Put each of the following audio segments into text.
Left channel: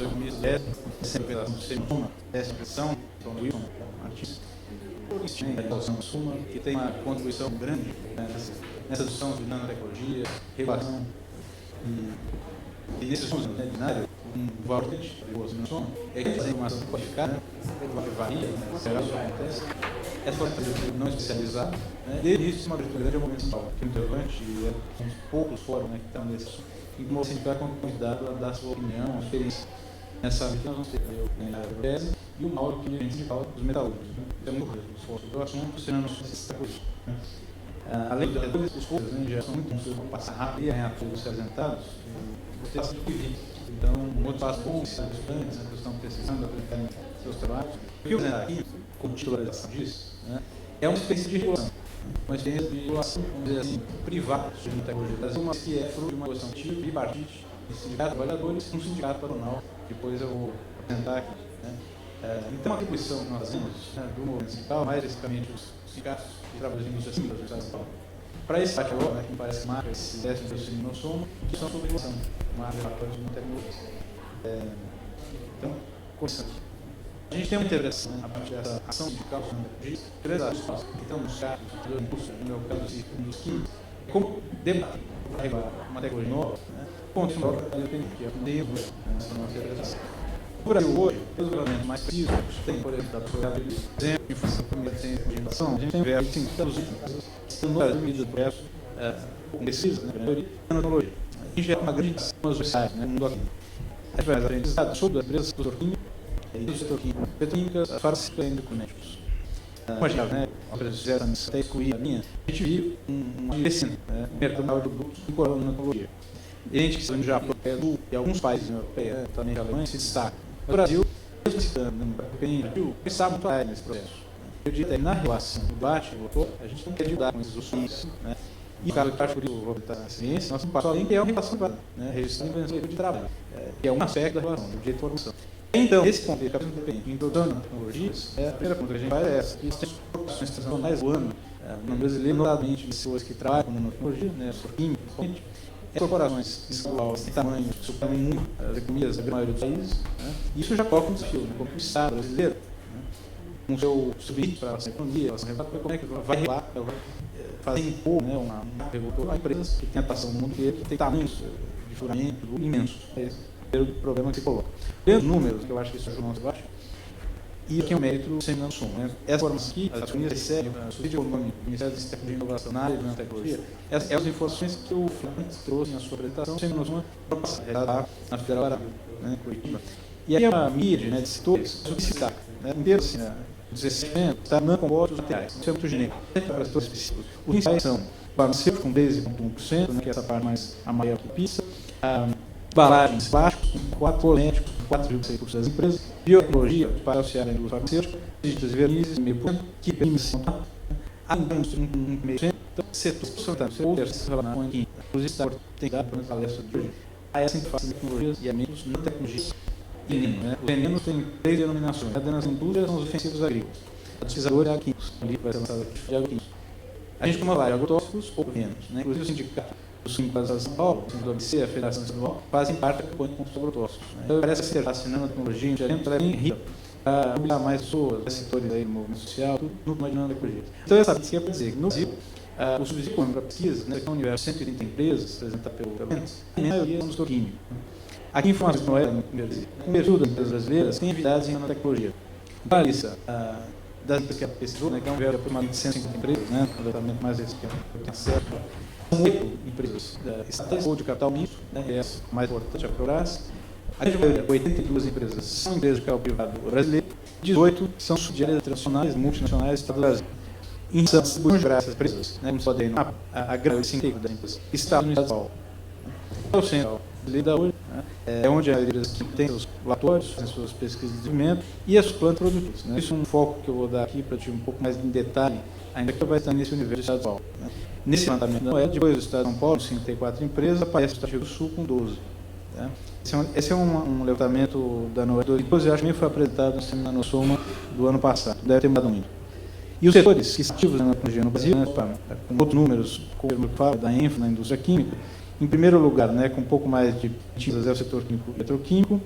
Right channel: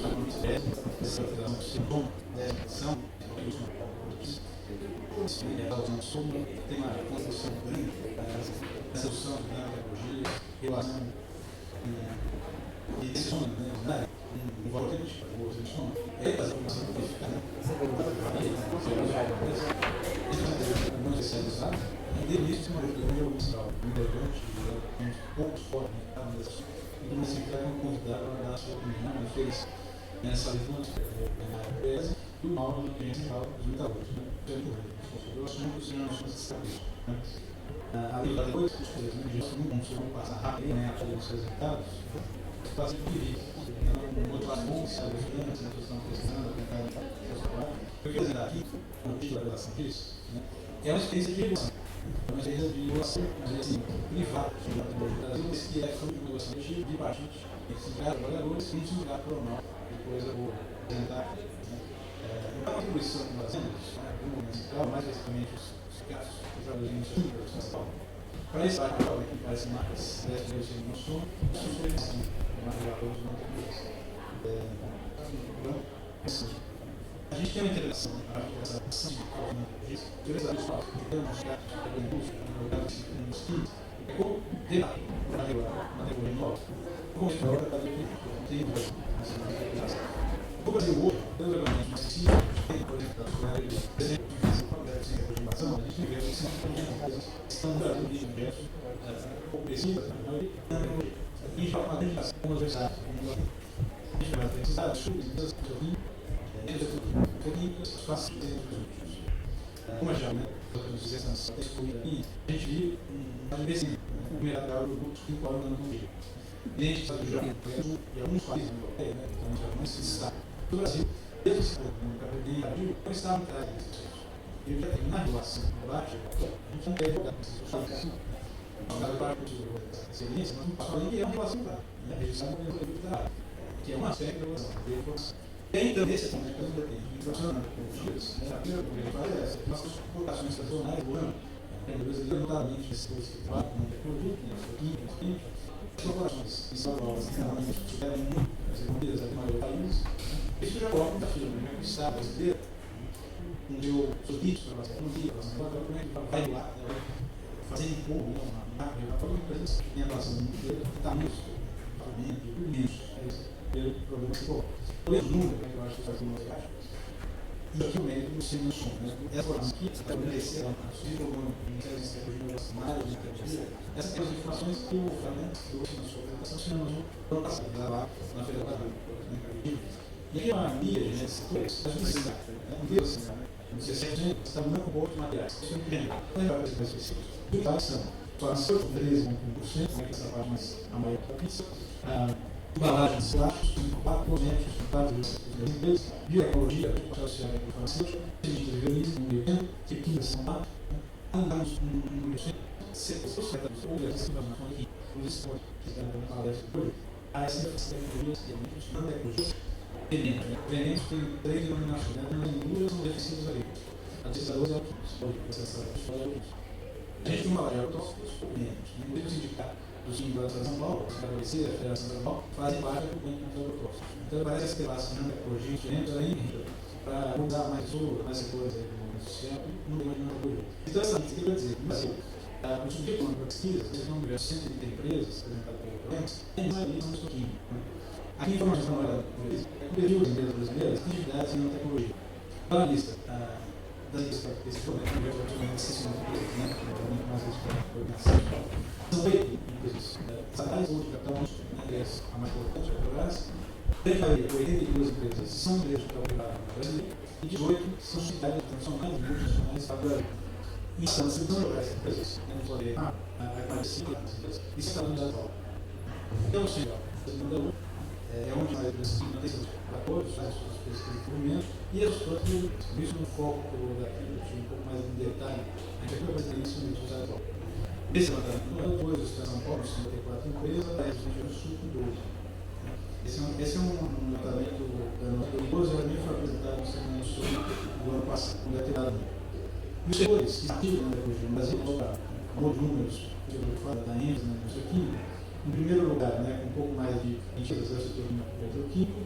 economista, essa operação do ser humano, essa questão, a suma, que tem uma contribuição grande nessa discussão de nanotecnologia, relação e esse som, né, um valor grande, o som, é que fazer informação qualificada, essa não especializada, e isso é uma grande oportunidade importante, e uns poucos fóruns que estão nesse assunto, e você vai convidado a dar sua opinião, fez nessa visão da tese, e o mal que a gente fala dos metalúrgicos. O assunto será nosso estabelecido. Além de depois, os outros já são um passar rápido e todos apresentados, você está então, muito fácil com os estudantes que estão pesquisando, aplicando o seu trabalho. O que eu vou aqui, com o título da disso, é uma experiência de regulação. Uma experiência de regulação, vamos dizer assim, privada sobre a tecnologia do Brasil, mas que é fruto de uma negociação tripartite, de sindicatos, trabalhadores e um sindicato patronal. Depois eu vou apresentar aqui. Então, a atribuição que nós temos, do movimento sindical, mais especificamente os sindicatos de trabalhadores assim, do Estado de São Paulo, para esse debate agora, que parece marca, esse 10 de não somos, que são sobre emoção, marca de tecnologia. Então, começando. A gente tem uma integração a partir dessa ação sindical, como eu disse, três áreas que estão no chat, no curso, no lugar dos químicos, como debater uma tecnologia nova, continuar a depender por aí hoje, regularmente mais físicos, tem projetado por aí, exemplo, que faz tem participação, a gente tem diversos sindicatos que estão no Brasil de diversos pesquisas, tecnologia. Em geral, uma grande ação nos sociais, no mundo aqui. A gente vai aprender sobre as empresas do setor químico, do setor químico, petroquímicas, as farmacêuticas e documentos. Imagina, né? Outras fizeram até excluir a linha, a gente vive um crescimento, no mercado de produtos incorporando a tecnologia. E a gente sabe já, e alguns países europeus também relevantes se destacam. O Brasil, pensava muito atrás nesse processo. Eu diria que na relação do debate, a gente não quer mudar com esses assuntos, e o caso prático do Roberto da Ciência, nós temos passado ali que é uma relação privada, registrando o exemplo de trabalho, que é um aspecto da relação, do direito de formação. Então, esse ponto de capítulo independente de introdução de tecnologias, a primeira coisa que a gente faz é essa. Nós temos preocupações transnacionais do ano, no brasileiro, notadamente pessoas que trabalham com tecnologia, química, principalmente, corporações que são altas de tamanho que superam muito as economias da maioria dos países, isso já coloca um desafio do Estado brasileiro, com o seu subsídio para a economia, como é que vai lá fazer impor uma empresa que tem atuação no mundo inteiro, tem tamanhos de faturamento imensos. Esse é o problema que se coloca. Pelos números, que eu acho que isso é o mais baixo, e aqui é um mérito sem não som. Essa formação aqui, as famílias recebem, o Ministério da Tecnologia Inovacional e Tecnologia, essas são as informações que o Flamengo trouxe na sua apresentação, sem não som, na Federal Brasil. E aí é uma mídia de setores que se destaca. Inteiro, assim, 16%, está não composto dos materiais, isso é muito genérico. Para setores específicos. Os principais são farmacêuticos com 10,1%, que é essa parte mais a maior da pista, embalagens plásticos, 4 cosméticos, 4,6% das empresas, biotecnologia, para auxiliar a indústria farmacêutica, ciências verniz, 1,5%, química, 1,5%, então, setor sanitário, outras relações, inclusive, tem dado para palestra de hoje, a essa interface de tecnologias e elementos não tecnologias. Venenos tem 3 denominações. As indústrias são os defensivos agrícolas. Os pesquisadores químicos, vai ser lançado a gente toma vários agrotóxicos ou menos. Inclusive o sindicato dos químicos de São Paulo, a ABC, a Federação de São Paulo, fazem parte da campanha contra os agrotóxicos. Então parece que você está assinando a tecnologia, ela é bem rica para usar mais pessoas, setores aí do movimento social, tudo imaginando a tecnologia. Então essa aqui é para dizer que no Brasil, o subsídio para pesquisa, são diversos 130 empresas, apresentadas pelo menos, e a maioria são do setor químico. Aqui em informações não é, sobretudo das empresas brasileiras, tem atividades em nanotecnologia. Para a lista das empresas que ela pesquisou, que é um verbo aproximadamente 150 empresas, completamente mais respeito, 8 empresas estatais ou de capital misto, que é a mais importante, a Petrobras. Aqui 82 empresas são empresas de capital privado brasileiro, 18 são subsidiárias transnacionais, multinacionais do Brasil. Em são geográficas empresas, como pode ver, a grande 5 das empresas está no Estado de São Paulo. O centro da hoje é onde as empresas têm os laboratórios, as suas pesquisas de desenvolvimento e as plantas produtivas. Isso é um foco que eu vou dar aqui para te um pouco mais em detalhe, ainda que vai estar nesse universo do Estado de São Paulo. Nesse levantamento da Noel, depois do Estado de São Paulo, 54 empresas, aparece o Estado do Sul com 12. Esse é um levantamento da Noel 2012, eu acho que foi apresentado na NoSoma do ano passado, deve ter mudado muito. E os setores que estão ativos na tecnologia no Brasil, com outros números, como eu falo, da ênfase na indústria química, em primeiro lugar, com um pouco mais de é o setor químico e petroquímico,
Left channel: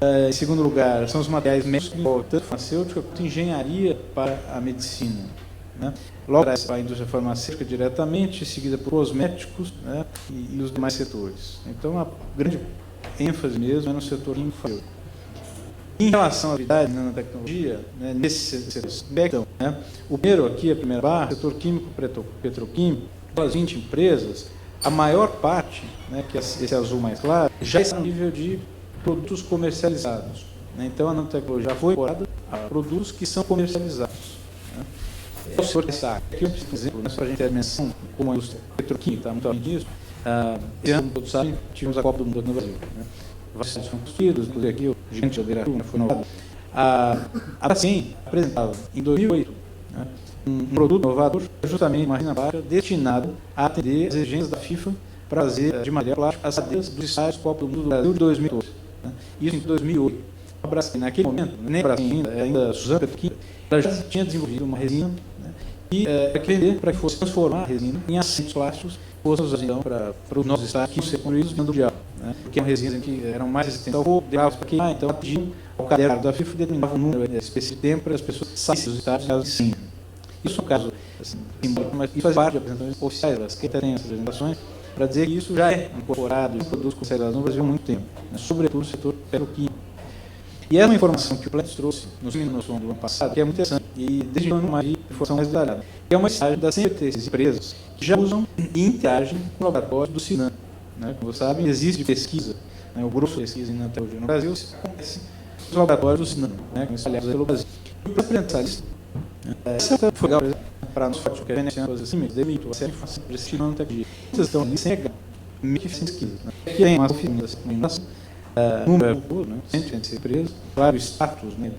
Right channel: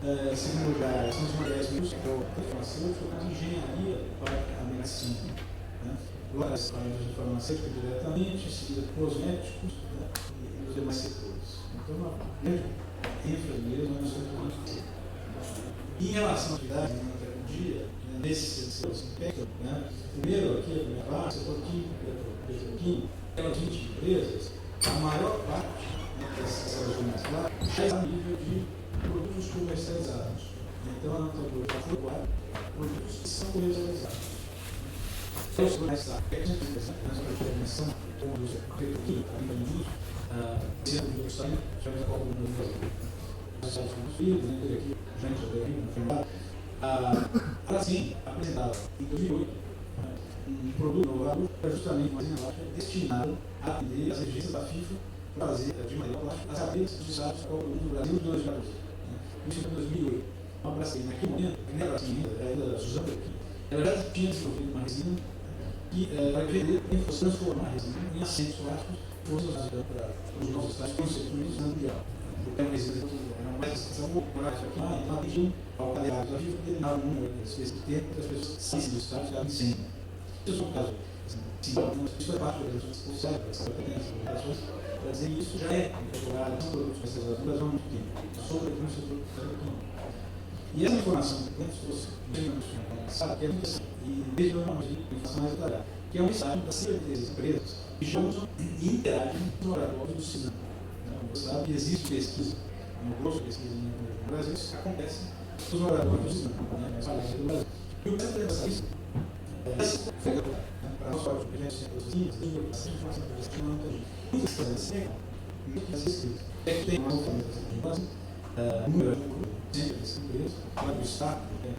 Em segundo lugar, são os materiais médicos, tanto farmacêutica quanto engenharia para a medicina. Né? Logo para a indústria farmacêutica diretamente, seguida por cosméticos, né? e os demais setores. Então, a grande ênfase mesmo é no setor farmacêutico. Em relação à atividade de nanotecnologia, né, nesse aspecto, né, o primeiro aqui, a primeira barra, setor químico petroquímico, as 20 empresas, a maior parte, né, que é esse azul mais claro, já está no nível de produtos comercializados. Né? Então, a nanotecnologia já foi incorporada a produtos que são comercializados. Né? O setor destaque, aqui um exemplo, né, só a gente ter menção, como a indústria petroquímica, está muito além disso, esse ano, todos sabem, tivemos a Copa do Mundo no Brasil. Né? Vários construídos, inclusive aqui, o gigante de Adeira foi inovado. A PACEM apresentava, em 2008, né, um produto inovador, justamente uma renda baixa, destinado a atender as exigências da FIFA para fazer de madeira plástica as cadeias dos estádios Copa do Mundo do Brasil de 2012. Né? Isso em 2008. A Braskem, naquele momento, nem a Braskem ainda Suzano Petroquímica, ela já tinha desenvolvido uma resina, né, que para que fosse transformar a resina em assentos plásticos, fosse usada então para os nossos estádios que ser construídos no mundial. Né? Porque a resina que eram mais resistentes ao fogo, demorava para queimar, então pediam ao caderno da FIFA determinar um número específico de tempo para as pessoas saírem dos estádios caso de sim. Isso é um caso assim, simbólico, mas isso faz parte das apresentações oficiais, das que têm as apresentações, para dizer que isso já é incorporado em produtos comercializados no Brasil há muito tempo, né? Sobretudo no setor petroquímico. E essa é uma informação que o Plant trouxe no ano passado, que é muito interessante, e desde quando mais informação mais detalhada, que é uma mensagem das certezas empresas que já usam e interagem no laboratório do Sinan. Né? Como vocês sabem, existe pesquisa, né? O grupo de pesquisa em nanotecnologia no Brasil se acontece nos laboratórios do Sinan, né? Que são aliados pelo Brasil. E o Plant isso. Essa foi legal para nós, porque a gente tem as limites, demite, você é fácil de assistir nanotecnologia. Vocês estão ali sem regar, meio que sem pesquisa. Aqui tem uma filmação, número, né? 100 empresas, claro, o status, né,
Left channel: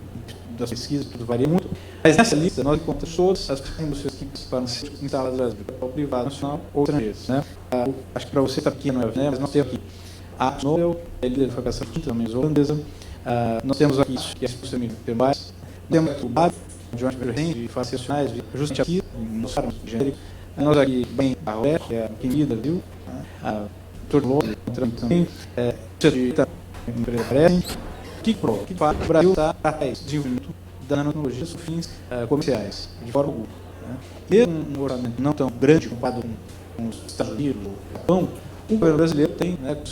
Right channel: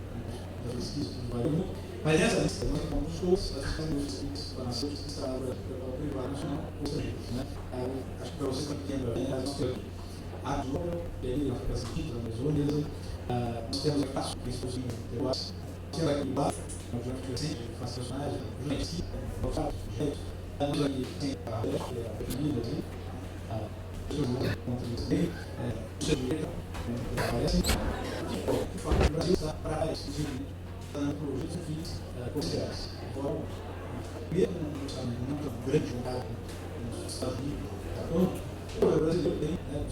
das pesquisas, tudo varia muito. Mas nessa lista nós encontramos todas as indústrias que participaram instaladas no Brasil, capital privado, nacional ou estrangeiro. Né? Acho que para você está pequeno, né? Mas nós temos aqui a Nobel, a líder da fabricação química, também holandesa. Nós temos aqui que é a indústria peruana. Temos aqui o BAF, de de fases nacionais, justamente aqui, nós sabemos, nós aqui tem a UER, que é a querida, viu? A Turbo, também, que para o Brasil está atrás de da nanotecnologia para fins comerciais, de fora pública. Mesmo um orçamento não tão grande comparado com os Estados Unidos, o Japão, o governo brasileiro tem, né,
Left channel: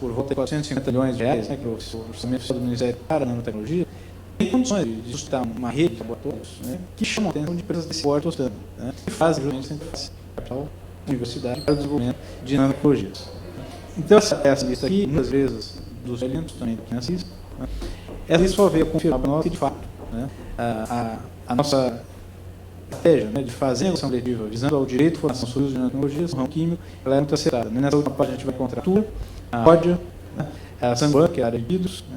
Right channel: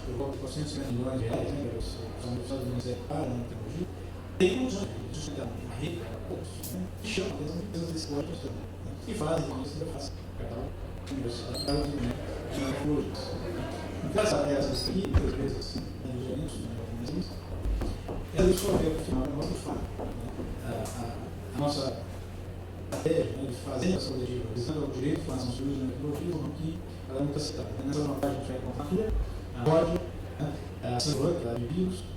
por volta de 450 milhões de reais, né, que é o orçamento do Ministério para a nanotecnologia, tem condições de suscitar uma rede de laboratórios, né, que chamam a atenção de empresas desse porte, né, que fazem capital, universidade para o desenvolvimento de nanotecnologias. Então, essa lista aqui, muitas vezes, dos eventos também do financismo, né, essa lista só veio confirmar para nós que, de fato, né, a nossa estratégia, né, de fazer a noção coletiva, visando ao direito de formação sobre os nanotecnologias, não químico, ela é muito acertada. Nessa última parte a gente vai encontrar tudo, a Rodia, né, a Sanguan, que é a área de vidros, né,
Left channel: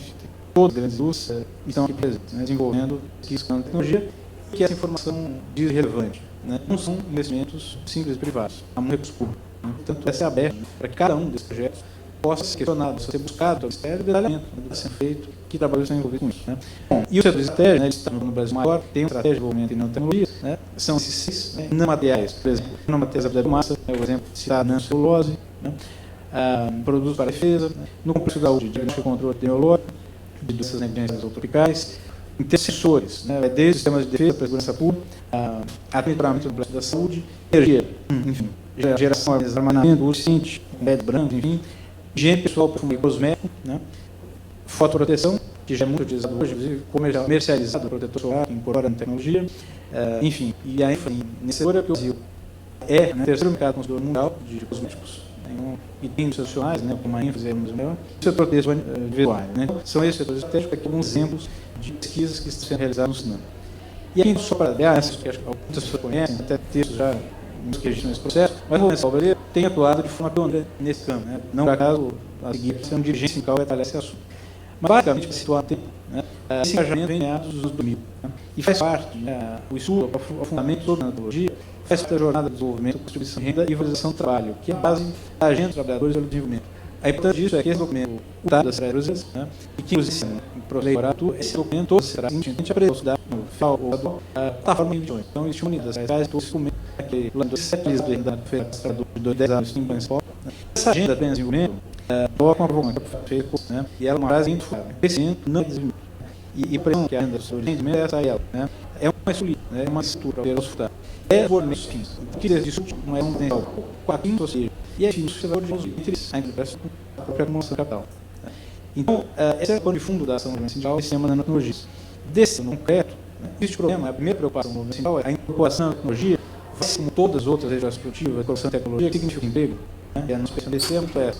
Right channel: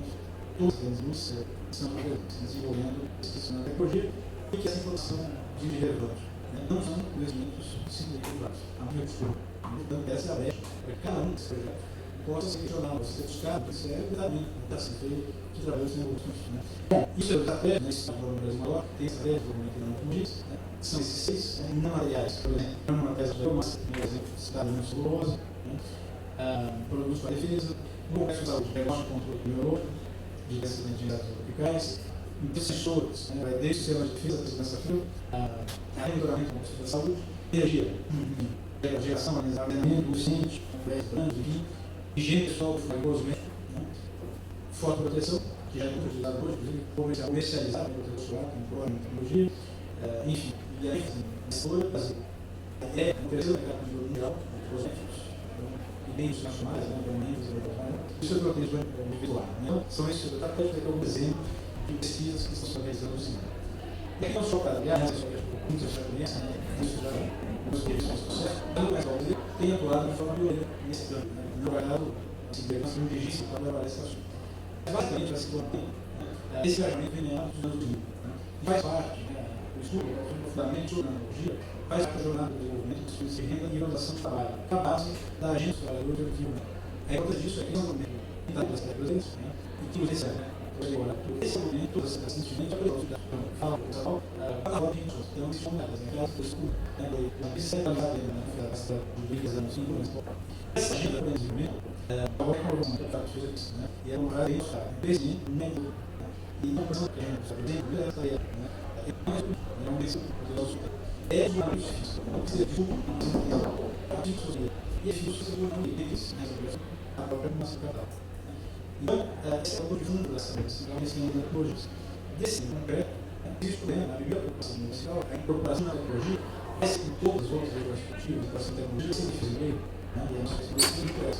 todas as grandes indústrias estão aqui presentes, né, desenvolvendo pesquisa com nanotecnologia, e que essa informação diz relevante. Né, não são investimentos simples privados, há muito recurso público. Portanto, deve ser aberto para que cada um desses projetos possa ser questionado, possa ser buscado pelo Ministério de detalhamento, está sendo feito, que trabalhos são envolvidos com isso. Né? E o setor de estratégia, né, eles estão no Brasil maior, tem uma estratégia de desenvolvimento em nanotecnologias, né, são esses 6 nanomateriais, por exemplo, nanomateriais da biomassa, né, o exemplo de citar a nanocelulose, né, produtos para defesa, no complexo da saúde, diagnóstico e controle epidemiológico, de doenças negligenciais tropicais, intercessores, né, desde sistemas de defesa para a segurança pública, aprimoramento do complexo da saúde, energia, enfim, geração, armazenamento, urgente, LED branco, enfim, higiene pessoal para cosmético, né, fotoproteção, que já é muito utilizado hoje, inclusive comercializado, protetor solar, incorporado em tecnologia, enfim, e a ênfase nesse setor é que o Brasil é, né, o terceiro mercado consumidor mundial de cosméticos, e tem institucionais, né, com uma ênfase maior, o setor desse individual. Né? São esses setores estratégicos que alguns exemplos de pesquisas que estão sendo realizadas no cinema. E aí, só para dar, que acho que muitas pessoas conhecem, até texto já nos registros nesse processo, mas o Lourenço Alvareiro tem atuado de forma pioneira nesse campo. Né? Não por acaso, a seguir, a questão de dirigência sindical vai detalhar esse assunto. Mas, basicamente, para situar no tempo, né, esse engajamento vem meados dos anos 2000. Né? E faz parte, né, o estudo, o aprofundamento toda a antropologia, faz parte da jornada de desenvolvimento, distribuição de renda e valorização do trabalho, que é a base da agenda dos trabalhadores e do desenvolvimento. A importância disso é que esse documento, o dado das brasileiras, né, e que, inclusive, esse documento todo será simplesmente apresentado no final da forma de reuniões. Então, existe unidades reais, todos os documentos, que o plano de 7 meses da feira de 10 anos, 5 anos, essa agenda de desenvolvimento, coloca uma programa feita, e ela é uma base crescendo, não e por exemplo, que a renda sobre rendimento é essa ela, né? É uma estrutura, é uma estrutura para resultar. É o organismo físico. O que diz isso não é um tempo. 4, ou seja, e é isso que você vai entre a empresa e a própria demonstração de capital. Então, esse é o pano de fundo da ação do governo central em cima da tecnologia. Desse concreto, existe problema, a primeira preocupação do governo central é a incorporação da tecnologia, vai como todas as outras regiões produtivas, a incorporação da tecnologia, que significa emprego, e a não se desse termo foi essa.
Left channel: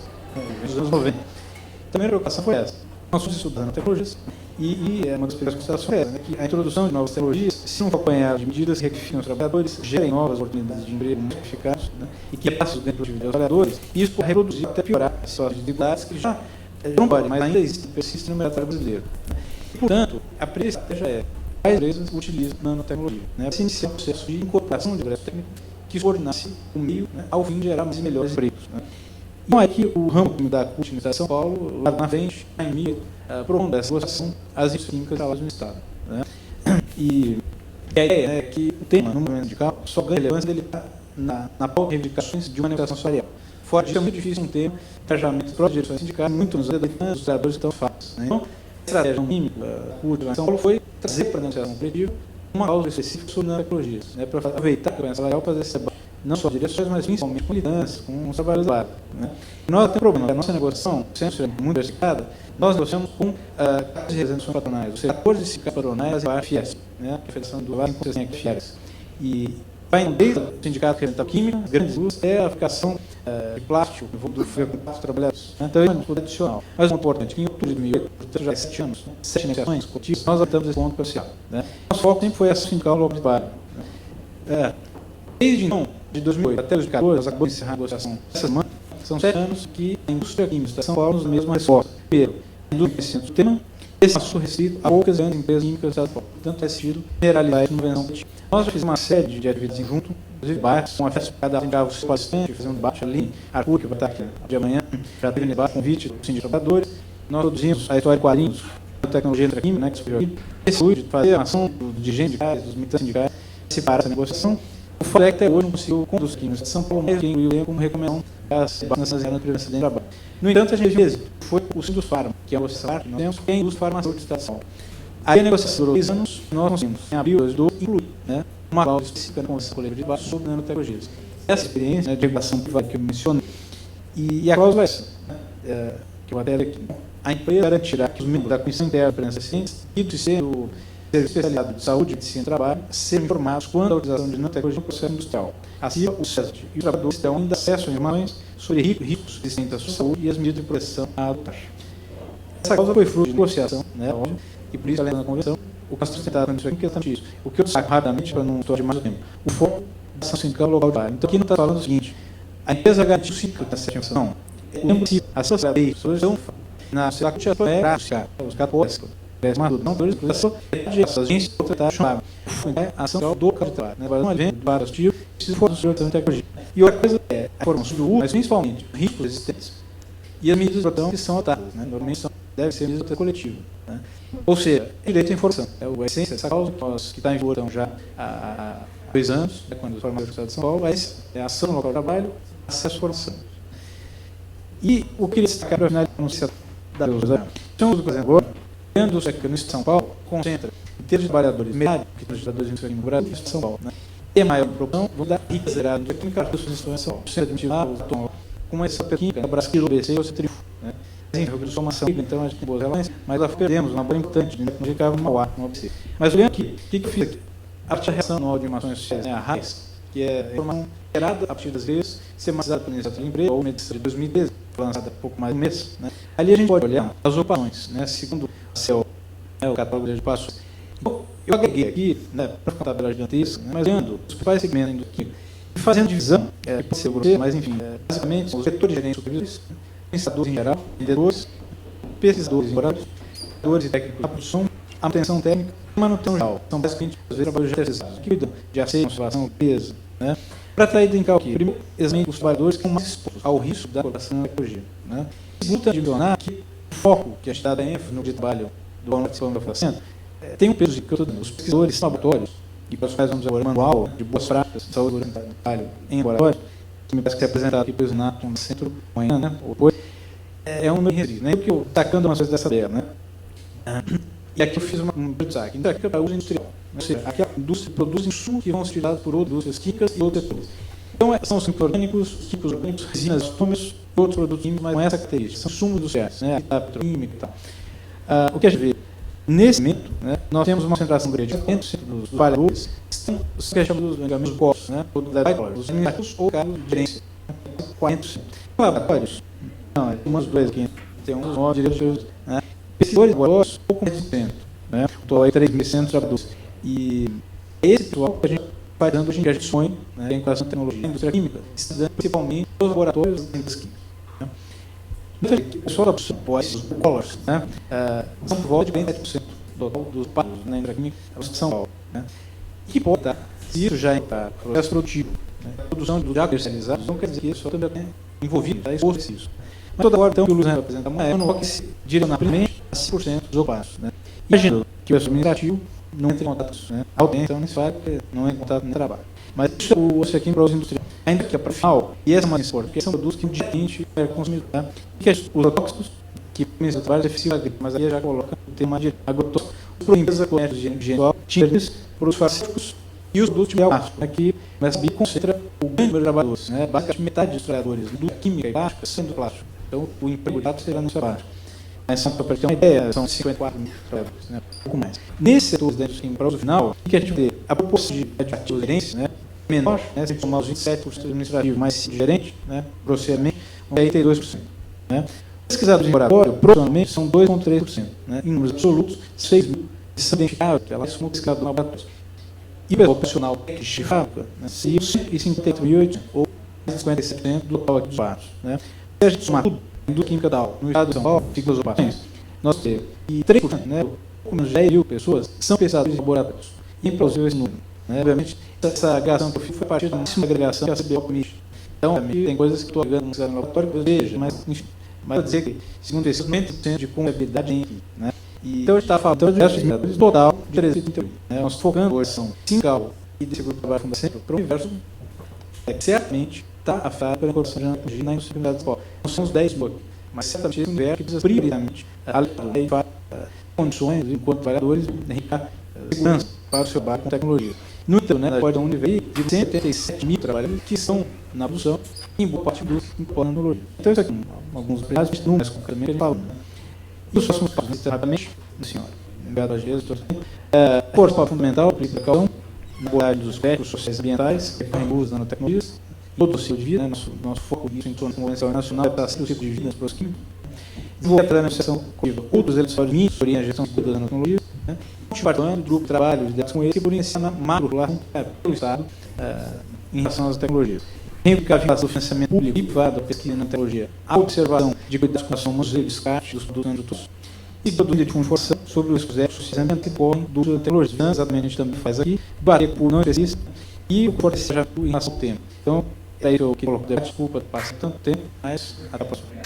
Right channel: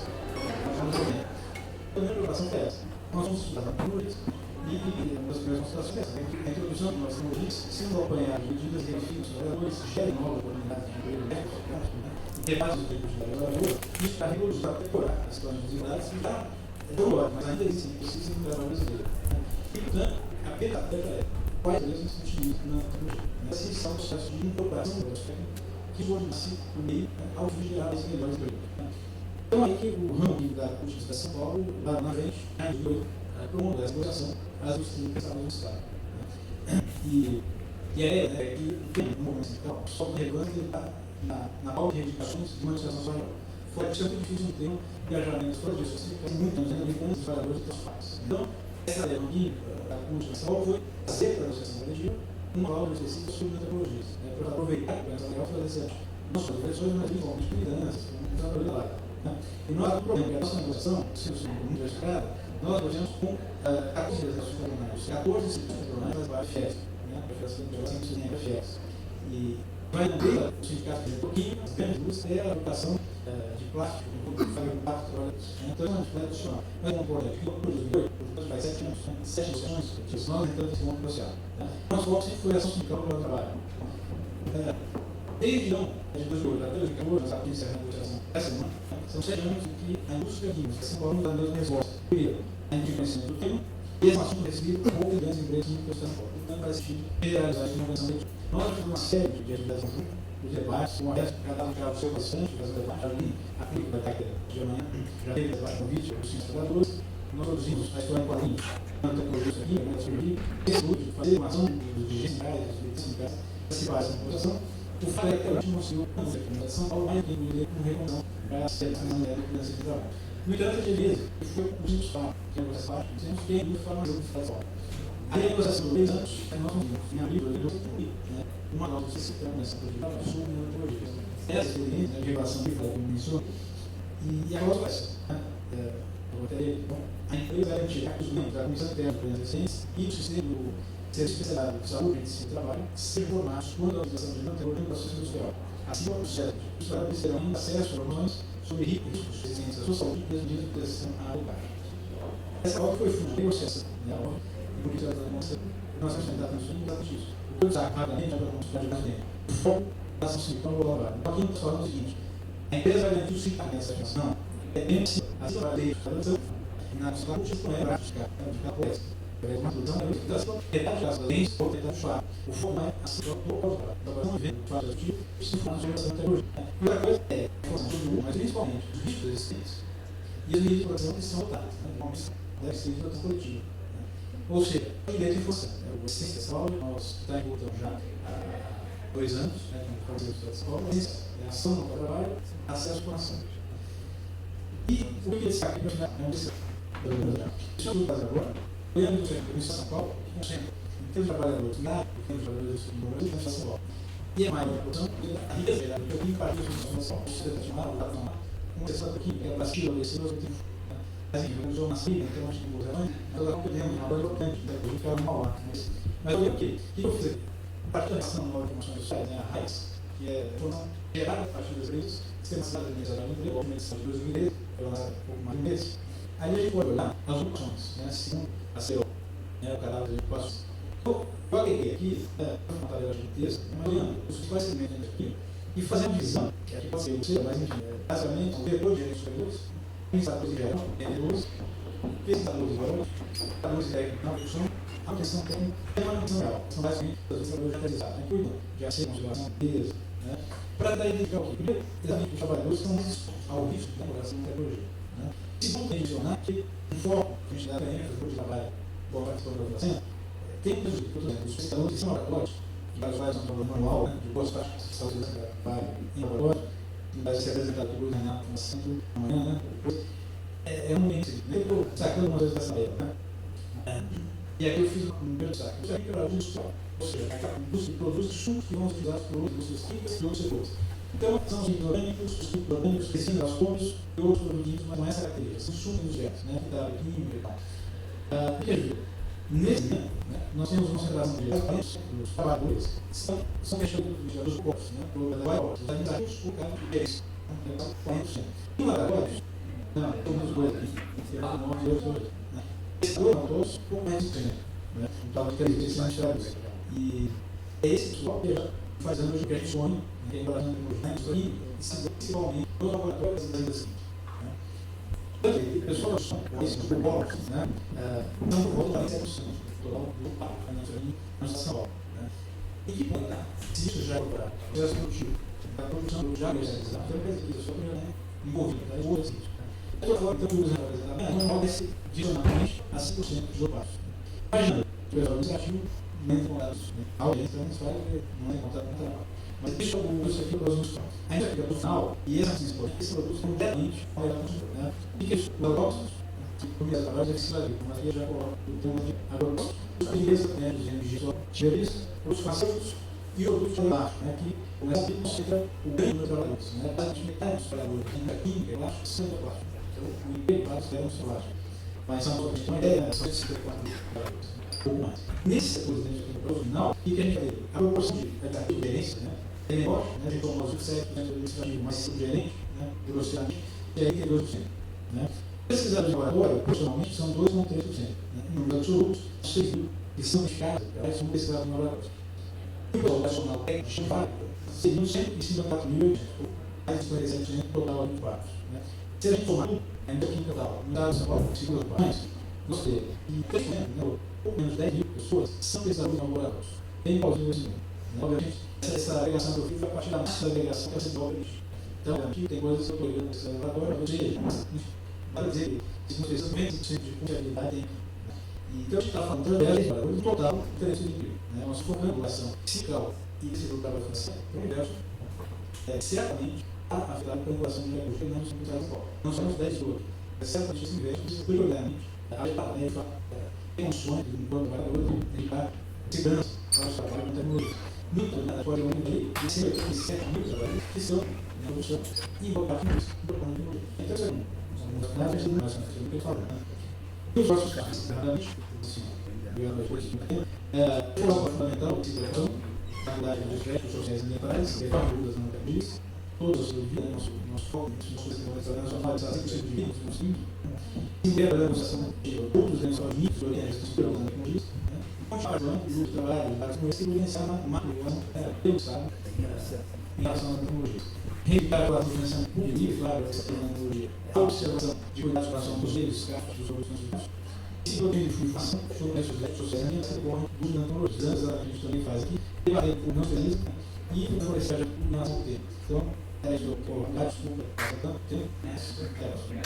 Nos anos 90. A primeira preocupação foi essa. Nós estamos estudando tecnologias e uma das primeiras considerações é essa, que a introdução de novas tecnologias, se não for acompanhada de medidas que requalificam os trabalhadores, gerem novas oportunidades de emprego qualificados, e que passam dentro dos trabalhadores, e isso pode reduzir até piorar as suas dificuldades que já não podem, mas ainda existem, persistem no mercado brasileiro. E, portanto, a primeira estratégia é as empresas utilizam nanotecnologia, para se iniciar um processo de incorporação de progresso técnico que coordenasse o meio, ao fim de gerar melhores empregos. Então, é que o ramo da CUT de São Paulo, lá na frente, ainda prolonga essa negociação às químicas da do Estado. E a ideia é que o tema, no momento de cálculo, só ganha relevância dele na pauta de reivindicações de uma negociação salarial. Fora disso, é muito difícil ter engajamentos próprios de direções sindicais, muito nos demandantes, os trabalhadores estão fáceis. Então, a estratégia química da CUT de São Paulo foi trazer para a negociação coletiva uma causa específica sobre nanotecnologias, para aproveitar a ganho salarial para fazer essa debate, não só direções, mas principalmente com liderança, com os trabalhadores lá. E nós temos um problema, a nossa negociação, sempre muito diversificada, nós negociamos com as representações patronais, ou seja, acordos de sindicatos patronais para a Fies, a Federação do Vale e Fies. E vai desde o sindicato que representa a química, as grandes indústrias, até a aplicação de plástico, do plástico trabalhadores. Então, isso é um ponto adicional. Mas o importante, que em outubro de 2008, portanto, já há 7 anos, 7 negociações coletivas, nós adotamos esse ponto crucial. Nosso foco sempre foi essa sindical logo de barra. Desde então, de 2008 até 2014, nós acabamos de encerrar a negociação essa semana, são 7 anos que a indústria química de São Paulo nos dá a mesma resposta. Primeiro, a indústria do tema, esse assunto restrito a poucas grandes empresas químicas de São Paulo. Portanto, é sentido generalizar isso no convenção coletiva. Nós já fizemos uma série de atividades em junto, inclusive bairros, com a festa cada ficava os participantes, fazendo debate ali, a CUT, que vai estar aqui de amanhã, já tem debate, convite dos sindicatos trabalhadores. Nós produzimos a história de quadrinhos, a tecnologia da química, que se esse de fazer a ação dos dirigentes sindicais, dos militantes sindicais, separar essa negociação. O fato é que até hoje não conseguiu conduzir químicos de São Paulo, que incluiu como recomendação as debates nessas áreas de acidente de trabalho. No entanto, a gente fez, foi o Sindus Farma, que é a negociação que nós temos, que é a indústria farmacêutica de Estado. Aí a negociação durou 2 anos, nós conseguimos, em abril de 2012, incluir uma cláusula específica na Convenção Coletiva sobre nanotecnologias. Essa experiência de regulação privada que eu mencionei, e a cláusula é essa, que eu até aqui. A empresa garantirá que os membros da Comissão Interna de Empresas Cientes e do Serviço Especializado de Saúde, Medicina e Trabalho sejam informados quando a utilização de nanotecnologia no processo industrial. Assim, o CET e os trabalhadores terão ainda acesso a informações sobre riscos existentes da sua saúde e as medidas de proteção a adotar. Essa causa foi fruto de negociação, e por isso, além da convenção, o caso sustentado nisso aqui, questão disso. O que eu destaco rapidamente, para não estar mais tempo, o foco da ação sindical local de bairro. Então, aqui não está falando o seguinte: a empresa garantiu o sindicato nessa ação. É impossível. A ação lei, solução, na CUT é prática, os caras a ação do capital, um evento, vários tipos, precisa formar de tecnologia. E outra coisa é a formação do uso, mas principalmente riscos existentes e as medidas de proteção que são adotadas. Normalmente deve ser medidas de coletiva. Ou seja, direito à informação. É a essência dessa causa, que está em vigor já há 2 anos, quando foi mais do Estado de São Paulo, mas é a ação no local de trabalho, acesso à informação. E o que eles destacaram para finalizar a notícia da Deus, então, por exemplo, dentro do sector de São Paulo, concentra em termos de trabalhadores, metade que tem trabalhadores no Brasil e São Paulo. E a maior produção, vou dar rica zerada de química, em São Paulo, centro de lá, com essa química, no Brasil, o BC, o Citrifo. Assim, formação, então, acho que boas relações, mas nós perdemos uma banca importante, não ficava no Mauá, no ABC. Mas olhando aqui, o que eu fiz aqui? A partir da reação anual de informações sociais, a RAIS, que é a informação gerada a partir das vezes, sistematizada pela Iniciativa de Emprego, ou medição de 2013, lançada há pouco mais de um mês. Ali a gente pode olhar as ocupações, segundo o catálogo de passos. Eu agreguei aqui, para contar pela gigantesca, mas olhando os principais segmentos aqui, e fazendo divisão, que pode ser grosseiro, mas enfim, basicamente, os vetores gerentes supervisores, pensadores em geral, vendedores, pesquisadores em geral, pesquisadores e técnicos de produção, a manutenção técnica e manutenção geral. São basicamente os trabalhadores terceirizados, que cuidam de aceito, conservação, peso, para identificar o que? Primeiro, exatamente os trabalhadores que estão mais expostos ao risco da colocação na tecnologia. Segundo, adicionar que o foco que a gente dá da ênfase no trabalho do aluno que está fazendo tem um peso que eu estou dando. Os pesquisadores laboratórios, e para os quais vamos agora manual de boas práticas de saúde do trabalho em laboratório, que me parece que é apresentado aqui pelo Nato no centro, amanhã, ou depois, é um número resíduo, né? Porque eu tacando umas coisas dessa tabela, né? E aqui eu fiz um destaque. Então, aqui é para uso industrial. Ou seja, aqui a indústria produz insumos que vão ser utilizados por outras indústrias químicas e outros setores. Então, são os químicos orgânicos, os químicos orgânicos, resinas, estumes e outros produtos químicos, mas com essa característica. São insumos industriais, né? A petroquímica e tal. O que a gente vê? Nesse momento, né, nós temos uma concentração de 80% dos trabalhadores que são os que chamamos dos corpos, né? Os administrativos ou cargos de gerência. 40%. Laboratórios? Não, tem umas coisas aqui. Tem uns 9 diretores, né? Pesquisadores de laboratórios, pouco menos de 100%. Né? Estou aí 3.100 trabalhadores. E esse pessoal que a gente faz hoje em dia, a gente sonha, né, em relação à tecnologia e indústria química, estudando principalmente nos laboratórios das indústrias químicas. O pessoal da produção, o dólares, né? São por volta de 27% dos partos na indústria química em São Paulo. Né? E que pode dar, se isso já está no processo produtivo, né? A produção de já comercializado, não quer dizer que isso só também é envolvido, está exposto a isso. Mas toda hora, então, o que o Luiz representa amanhã, não vai se direcionar primeiramente a 5% dos ocupados. Né? Imagina que o pessoal administrativo não entra em contato, né? Alguém, então, nesse fato, não entra em contato no trabalho. Mas isso é o aqui para uso industrial. Ainda que é para o final, e essa é mais importante, porque são produtos que diariamente é consumido. Tá? E que os agrotóxicos, que podem ser vários efeitos agrícolas, mas aí já coloca o tema de agrotóxicos, os empresas com higiene tintas, produtos farmacêuticos e os produtos de plástico, que começa a concentra o grande número de trabalhadores. Né? Basicamente, metade dos trabalhadores, indústria química e plástica, são de plástico. Então, o emprego será no trabalho. Mas só para ter uma ideia, são 54 mil trabalhadores, né? Um pouco mais. Nesse setor dentro do para o final, o que a gente vê? A proporção de adjetivos gerentes, né, menor, né, se somar os 27% administrativo mais gerente, né, grosseiramente, 42%. Né. Pesquisadores de laboratório, profissionalmente, são 2,3%. Né, em números absolutos, 6 mil que são identificados, elas são pesquisadas no laboratório. E o pessoal profissional técnico de fábrica, né, seria 158 ou 57% do total aqui dos partos. Né. Se a gente somar tudo, a indústria química da no estado de São Paulo, ciclos ocupações, nós temos que 3%, né, pouco menos de 10 mil pessoas são pesquisadores de laboratórios. E é impossível esse número. Né, obviamente, essa agregação que eu fiz foi a partir da máxima agregação que a CBO permite. Então, tem coisas que eu estou agregando no laboratório que eu vejo, mas, enfim, mas dizer que, segundo esse 50% de confiabilidade, enfim, né? E, então, a gente está falando de total de 338. Né? Nós focando hoje são 5 e desse grupo de trabalho fundamental para o universo, certamente está afetado pela incorporação de energia na indústria da escola. Nós somos 10 blocos, mas certamente esse universo precisa prioritariamente alegar condições, enquanto trabalhadores, enriquecer segurança para o seu trabalho com tecnologia. No entanto, né, pode um nível de 187 mil trabalhadores que estão na produção e em boa parte dos incorporando a tecnologia. Então, isso aqui, alguns pedaços de números, concretamente, ele fala. E os próximos passos, rapidamente, assim, força fundamental, principal, mobilidade dos aspectos sociais e ambientais, que estão em uso das nanotecnologias, todo o ciclo de vida, né, nosso foco nisso em torno da Convenção Internacional é para o ciclo de vida nas pessoas químicas, desenvolver a negociação coletiva, outros elementos de mim, sobre a gestão das nanotecnologias, né, compartilhando grupo de trabalho com eles que poderiam ensinar macro lá pelo Estado em relação às tecnologias. Reivindicação do financiamento público e privado da pesquisa na tecnologia, a observação de cuidados com a ação e descarte dos produtos industriais e produtos de informação sobre os projetos sociais que ocorrem do uso da tecnologia. Exatamente, a gente também faz aqui, bater por não específico e pode ser já em relação ao tempo. Então, é isso que eu coloco. Desculpa passar tanto tempo, mas até a próxima.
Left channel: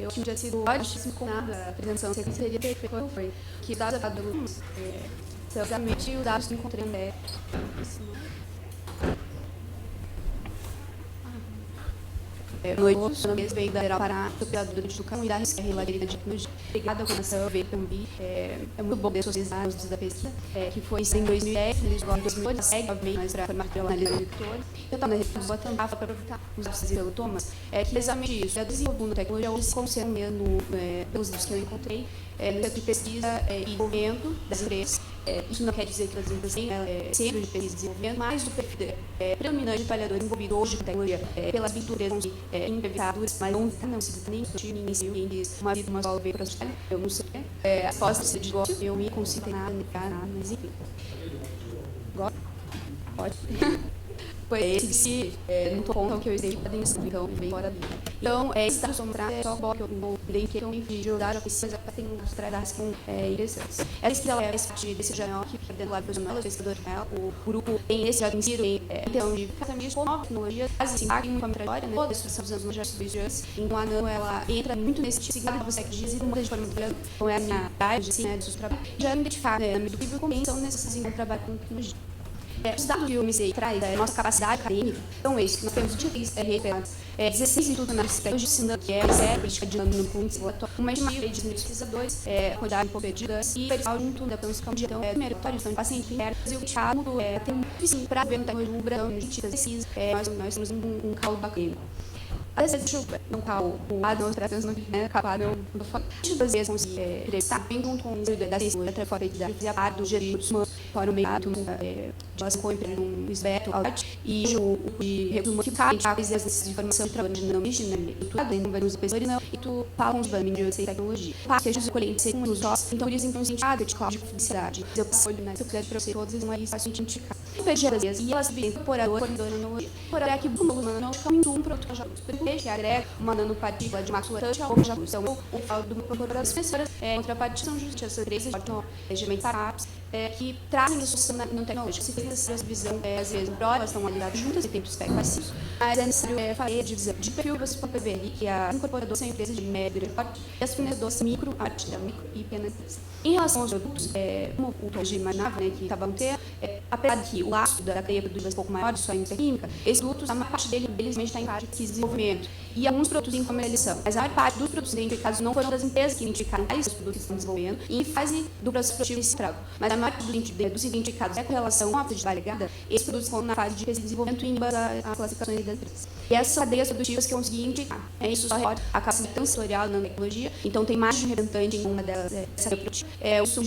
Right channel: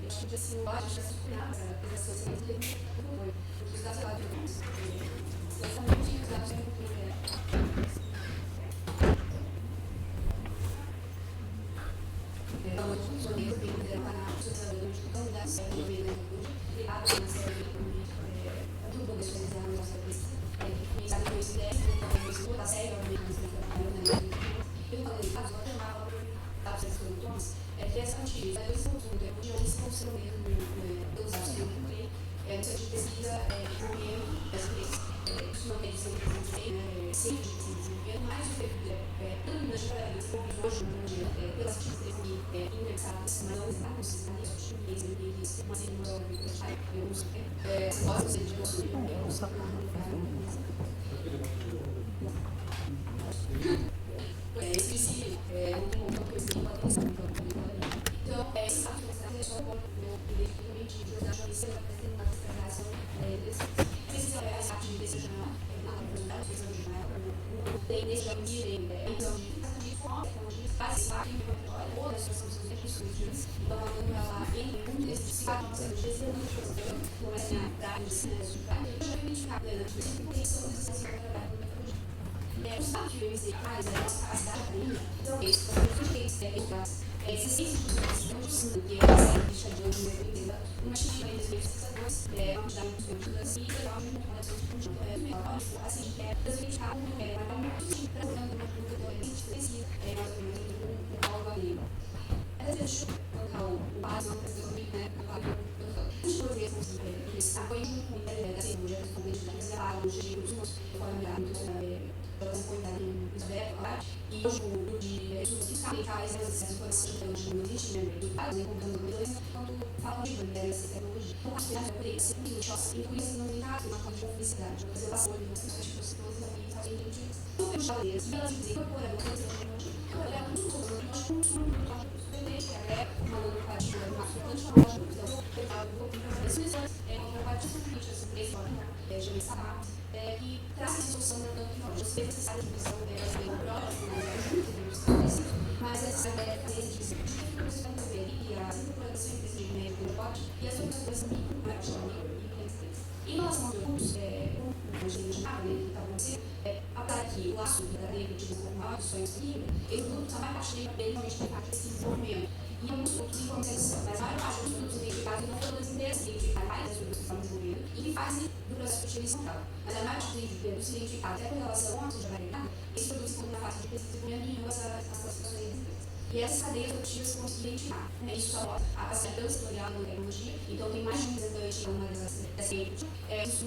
Eu tinha sido na apresentação que seria que dados exatamente os dados que encontrei em ideia. Noite, a respeito da Geral Pará, operadora de educação e da rivalidade de tecnologia. Obrigada por essa ver também. É muito bom ter socializar os da pesquisa, que foi em 2010, a gente vai em 2012, obviamente, mas para formar pela análise do leitor. Eu estava na revista Boa Tampa para aproveitar os dados pelo Thomas, que exatamente isso, desenvolvendo tecnologia, ou se considerando pelos dados que eu encontrei, centro de pesquisa e desenvolvimento das empresas. Isso não quer dizer que as empresas têm centro de pesquisa e desenvolvimento, mas o perfil predominante de trabalhadores envolvidos hoje com tecnologia, pelas pinturas implementadas, mas não se nem discutir, ninguém se diz uma vida, uma escola veio para estudar, eu não sei. As postas de divórcio, eu me consigo na análise. Pode. Foi esse no ponto que eu exemplo da atenção, então, bem fora dele. Então, esse da sombra é só o bloco que eu me de jogar a pesquisa para ter umas tradas com interessantes. Essa é a parte desse jornal que fica dentro do lado profissional, o pesquisador de jornal, o grupo tem esse já vencido em então de casamento com tecnologias, quase assim, uma trajetória, né? Toda a discussão dos anos já dias. Então, a Nano, ela entra muito nesse significado dos séculos dias e muita de forma com essa área, assim, né, de trabalho. Já identificar, né, no público, quem são necessários para trabalhar com tecnologia. Os dados que o MCI traz, a nossa capacidade acadêmica, então isso, nós temos 16 institutos nacionais de ensino, que é política dinâmica, uma estimativa de pesquisadores, quantidade de competidores e pessoal junto da produção de primeiro de paciente que era o Estado, tem sim, para ver no Brasil, a gente precisa, nós temos um cálculo bacana. Às vezes, deixa eu colocar o lado das operações no vídeo, acabar não duas vezes entrevistar bem junto com o da ciência, fora da parte do geridos, fora o meio de nós apoiamos no esbeto, e o de recursos modificados, às vezes, essa informação de trabalho de não mexer, em vários pessoas, não, e tu falam de banho, e tecnologia. Seja de colher, seja um sócio, então por isso, inconscientado de qual de publicidade. Eu passo olho nessa publicidade para você, todos não é isso, fácil identificar. E elas vêm incorporador, incorporador aqui, não fica muito um produto que agrega uma nanopartícula de macrotange ao longo da função do corpo das pessoas, contrapartida são justiças sobre esses regimentos que trazem isso na nanotecnologia. Se tem essa visão, às vezes, elas são habilidades juntas e tem perspectivas assim, mas é necessário falei de dizer, de perfil você pode ver ali que as incorporadoras são empresas de médio e as fornecedoras micro, e pequenas empresas. Em relação aos produtos, como a gente imaginava, que estava a ter, apesar de que o laço da cadeia produz um pouco maior de sua indústria química, esses produtos, a maior parte deles está em parte de desenvolvimento. E alguns produtos em comercialização. Mas a maior parte dos produtos identificados não foram das empresas que identificaram esses produtos que estão desenvolvendo e em fase do processo produtivo inicial. Mas a maior parte dos identificados com relação à atividade ligada, esses produtos estão na fase de pesquisa e desenvolvimento em base às classificações das empresas. E essas cadeias produtivas que eu consegui indicar. Isso só reporta a capacidade transitorial na tecnologia. Então, tem mais de um representante em uma delas, essa produtiva. O uso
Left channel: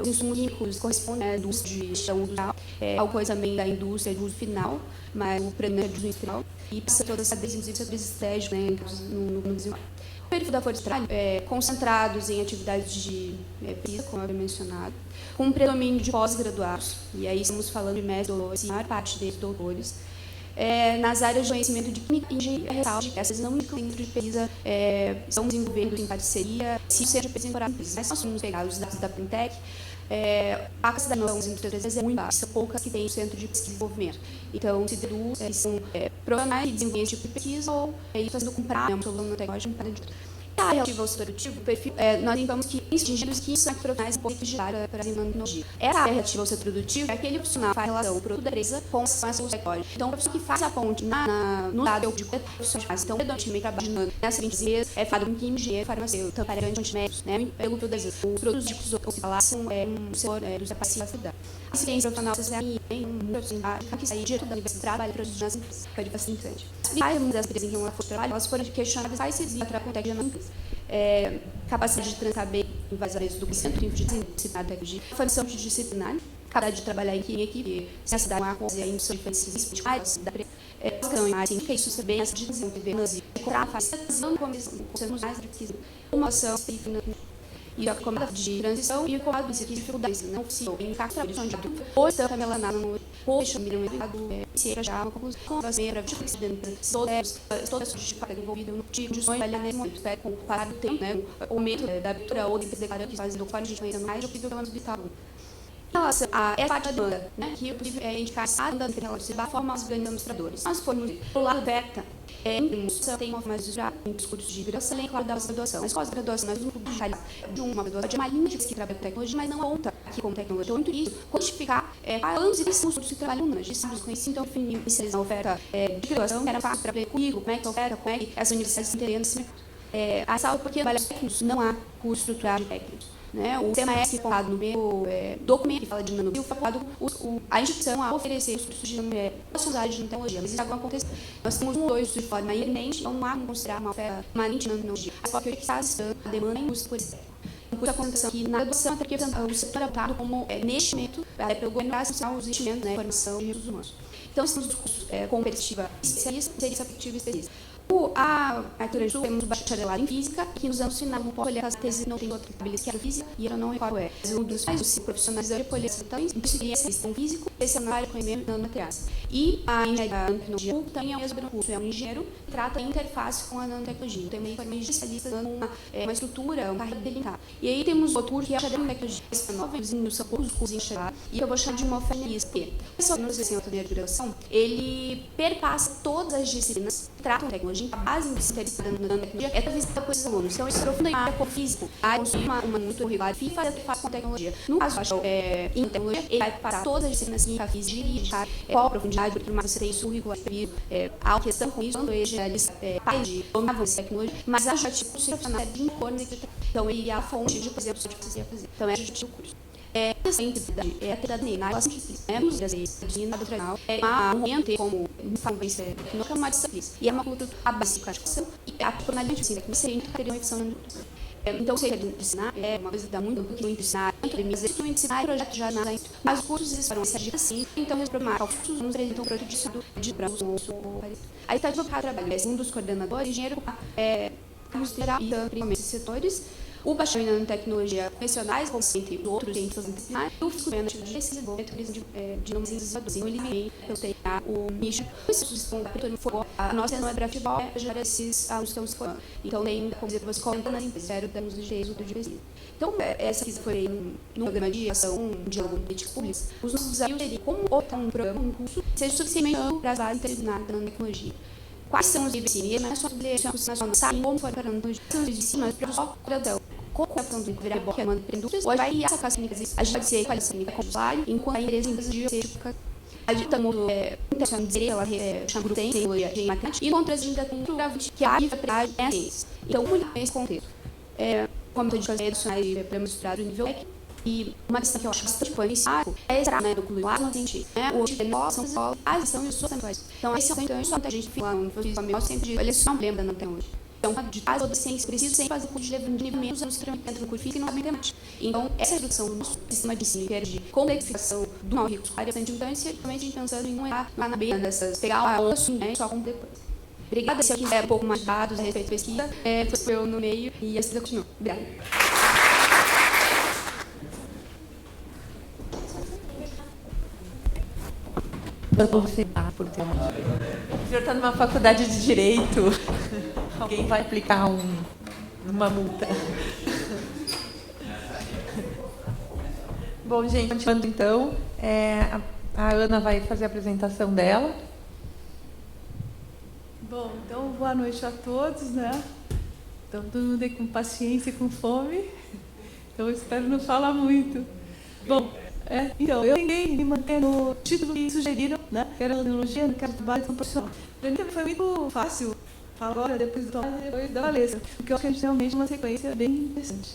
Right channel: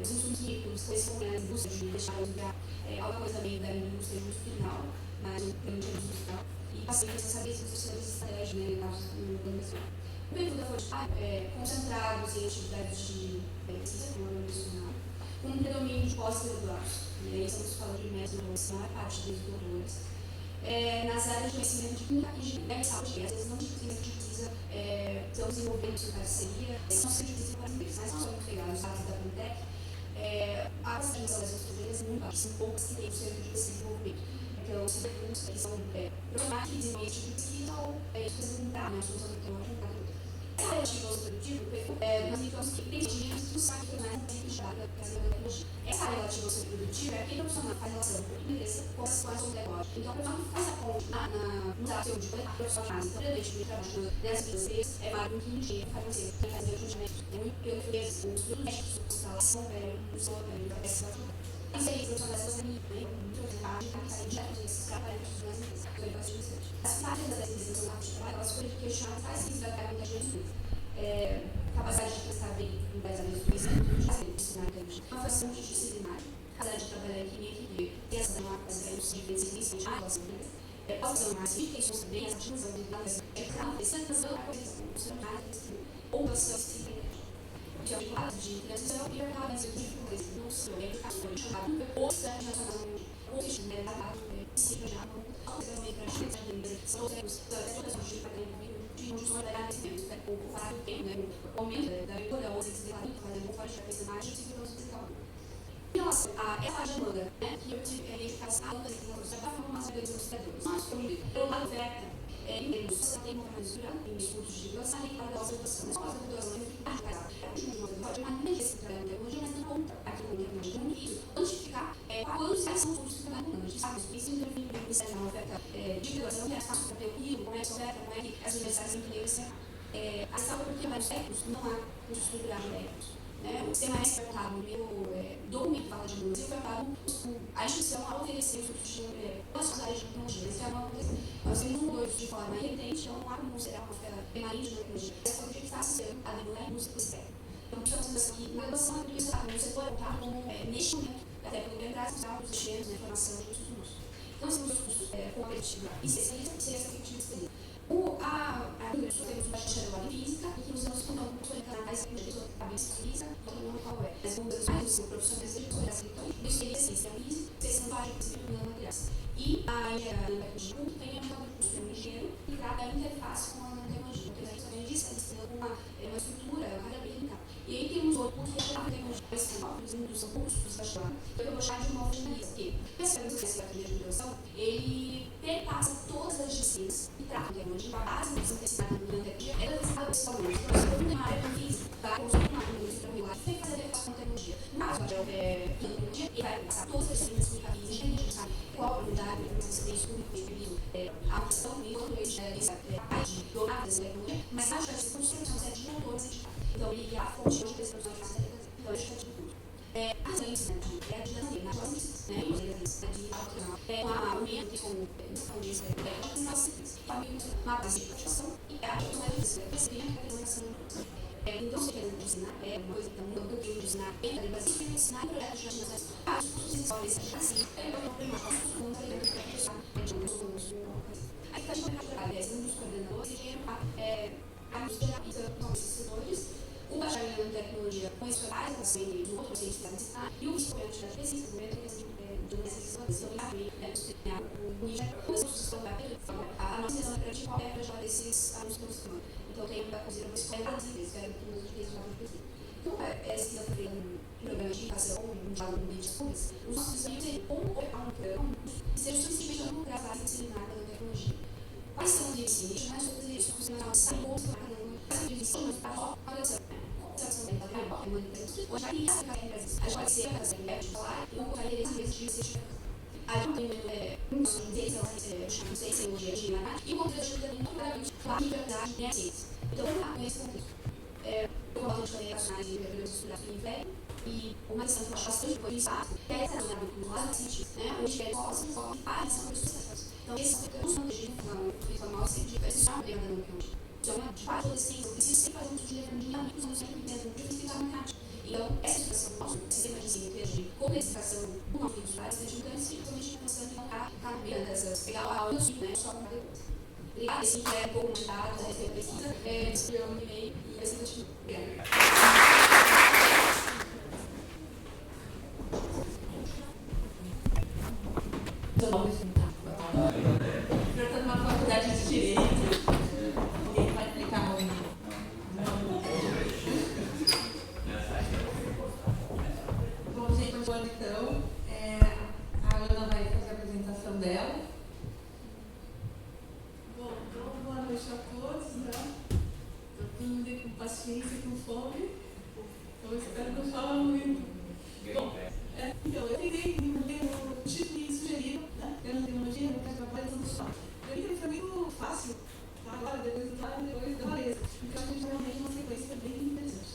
os insumos químicos correspondem à indústria de gestão industrial, ao coisa também da indústria de uso final, mas o predomínio de uso final, e passa toda essa estratégia no desenvolvimento. O perfil da força de trabalho concentrados em atividades de pesquisa, como eu havia mencionado, com um predomínio de pós-graduados, e aí estamos falando de mestres, a maior parte deles doutores, nas áreas de conhecimento de química e engenharia, essas não incluem de pesquisa, estão desenvolvendo em parceria, se seja pesquisa por atriz. Mas nós somos pegados os dados da Fintech, a capacidade das nossas empresas é muito baixa, são poucas que têm o centro de desenvolvimento. Então, se deduz, são profissionais de desenvolvimento de pesquisa ou isso sendo comprado, um solução tecnológico para a área relativa ao setor produtivo, nós indicamos que engenheiros que são profissionais um pouco de área para a tecnologia. Essa área relativa ao setor produtivo é aquele profissional que faz relação do produto da empresa com a sua tecnologia. Então, o profissional que faz a ponte no lado de profissionais. Então, predominantemente trabalhando nessas empresas, falado com engenheiro, farmacêutico, tampariante, antimédicos, eu todas as os produtos de que se falar são um setor dos capacitados da cidade. Assistência profissional, assessoria, que sai direto da universidade, trabalha para ajudar as empresas, para bastante. As principais das empresas que não foram trabalho, elas foram questionadas quais serviços para a contexto da empresa. Capacidade de trancar bem em várias áreas do centro de disciplinar tecnologia, formação disciplinar, capacidade de trabalhar em equipe, necessidade de uma coisa em sua diferença, da questão em área, que isso também essa discussão de vendas, não começamos mais uma ação e a comando de transição e o comando de dificuldades não possível em cada trabalho de ato ou está relacionado no post de mercado se já uma conclusão das meias de todas as para envolvido no tipo de sonho trabalhar nesse momento com o parado do tempo, o aumento da abertura ou de declarando que faz o quadro de conhecimento mais do que o plano hospital. Em relação a essa parte de demanda, que eu tive indicar a demanda que ela observar a forma dos grandes administradores. Nós formos o lado beta, tem uma forma de já em discursos de graduação e claro da graduação. Mas pós-graduação, nós vamos publicar de uma graduação de uma linha que trabalha com tecnologia, mas não conta aqui como tecnologia. Muito isso, quantificar anos e cursos de trabalho humanos, de sábios conhecidos, então, definir a oferta de graduação, era fácil para ver comigo, como é que oferta, como é que as universidades se entendendo assim. A sala, porque trabalha técnicos, não há curso estruturado de técnicos. O CMS focado no meu documento que fala de nanobio, focado a instituição a oferecer os cursos de possibilidade de tecnologia. Mas isso está acontecendo. Nós temos dois de forma inerente, então não há como considerar uma oferta permanente de nanotecnologia. Mas só que está assustando a demanda em indústria por externo. Por a condição que na graduação está representando o setor adotado como neste momento, pelo governo os investimentos na formação e recursos humanos. Então, se os cursos com perspectiva especialista, seria essa perspectiva especialista. A arquitetura temos bacharelado em física, que nos ensina um pouco a tese não tem outra cabeça que a física, e eu não recordo um dos mais cinco profissionais de polição, especialista em físico, especialista em conhecimento de nanomateriais. E a engenharia da nanotecnologia também é o mesmo curso, é um engenheiro que trata a interface com a nanotecnologia. Também foi especialista dando uma estrutura, uma carreira militar. E aí temos outro curso que é a nanotecnologia, são todos os cursos enxergados, e eu vou chamar de uma oferta pessoal no sistema de direção, ele perpassa todas as disciplinas que tratam a tecnologia hoje, a base do sistema de tecnologia é transversal para os alunos. Então, eles aprofundam em área como física, consumem uma muito curricular e faz com tecnologia. No caso, em tecnologia, ele vai passar todas as disciplinas química, física e qual a profundidade, porque mais você tem isso curricular, a questão com isso, ele parte de dominar essa tecnologia, mas a parte profissional de impor nesse. Então, ele é a fonte de, por exemplo, de fazer. Então, é a gente curso. A atividade nele, ela sempre existe, né? Às vezes, um momento como uma disciplina, e é uma coisa a básica de educação, e a tonalidade de ensino, você sempre teria uma edição. Então, seja de ensinar, é uma coisa que dá muito do que ensinar, mas esse ensinar é projeto já nada, mas os cursos eles foram essa assim, então eles programam os eles vão projeto de braço. Aí está deslocado trabalho, um dos coordenadores, engenheiro, geral e principalmente setores. O bacharel em tecnologia convencionais, como entre outros cientistas disciplinares, e o instrumento de desenvolvimento de não desenvolvedores. Então, ele eu tenho o nicho, a nossa não é para futebol, é para esses alunos que estão se formando. Então, tem como dizer, você coloca nas empresas, temos os direitos do direito. Então, essa foi no programa de ação de políticas públicas, os nossos desafios seriam como optar um programa, um curso, seja suficientemente amplo para as áreas interdisciplinares da tecnologia. Quais são os livros de ciência, mas só nós sabemos como for para os de cima, para só então, como a questão de virar boca, é uma indústria, hoje vai essa classe a gente vai ser qualificada em trabalho, enquanto a empresa de ser a gente está muito interessante dizer, ela chama de tecnologia e matemática, e contra as ainda cultura que a vida é a ciência. Então, nesse contexto, como a gente faz educacionais e demonstrar o nível e uma questão que eu acho bastante policial é essa, né, o ar no sentido, né, o são só as são as suas centrais. Então, esse é o então, a gente fica no família sempre de eleição, lembra, não tem hoje. Então, de fazer toda a ciência, precisa sempre fazer um curso de níveis, não se treinamento do curso físico e não sabem mais. Então, essa redução do nosso sistema de ensino, que é de complexificação do nosso curso, é bastante importante, certamente pensando em não errar lá na beira dessas, pegar a aula assim, né, só com depois. Obrigada, se alguém quiser um pouco mais de dados a respeito da pesquisa, foi eu no meio e assim eu continuo. Obrigada. O senhor está numa faculdade de Direito. Alguém vai aplicar uma multa. Bom, gente, continuando então, a Ana vai fazer a apresentação dela. Bom, então, boa noite a todos, né? Então, todo mundo aí com paciência e com fome. Então, eu espero não falar muito. Bom, então, eu tentei me manter no título que sugeriram, né? Que era tecnologia, mercado de trabalho e profissional. Para mim foi muito fácil falar agora, depois da Valesa, porque eu acho que a gente realmente uma sequência bem interessante.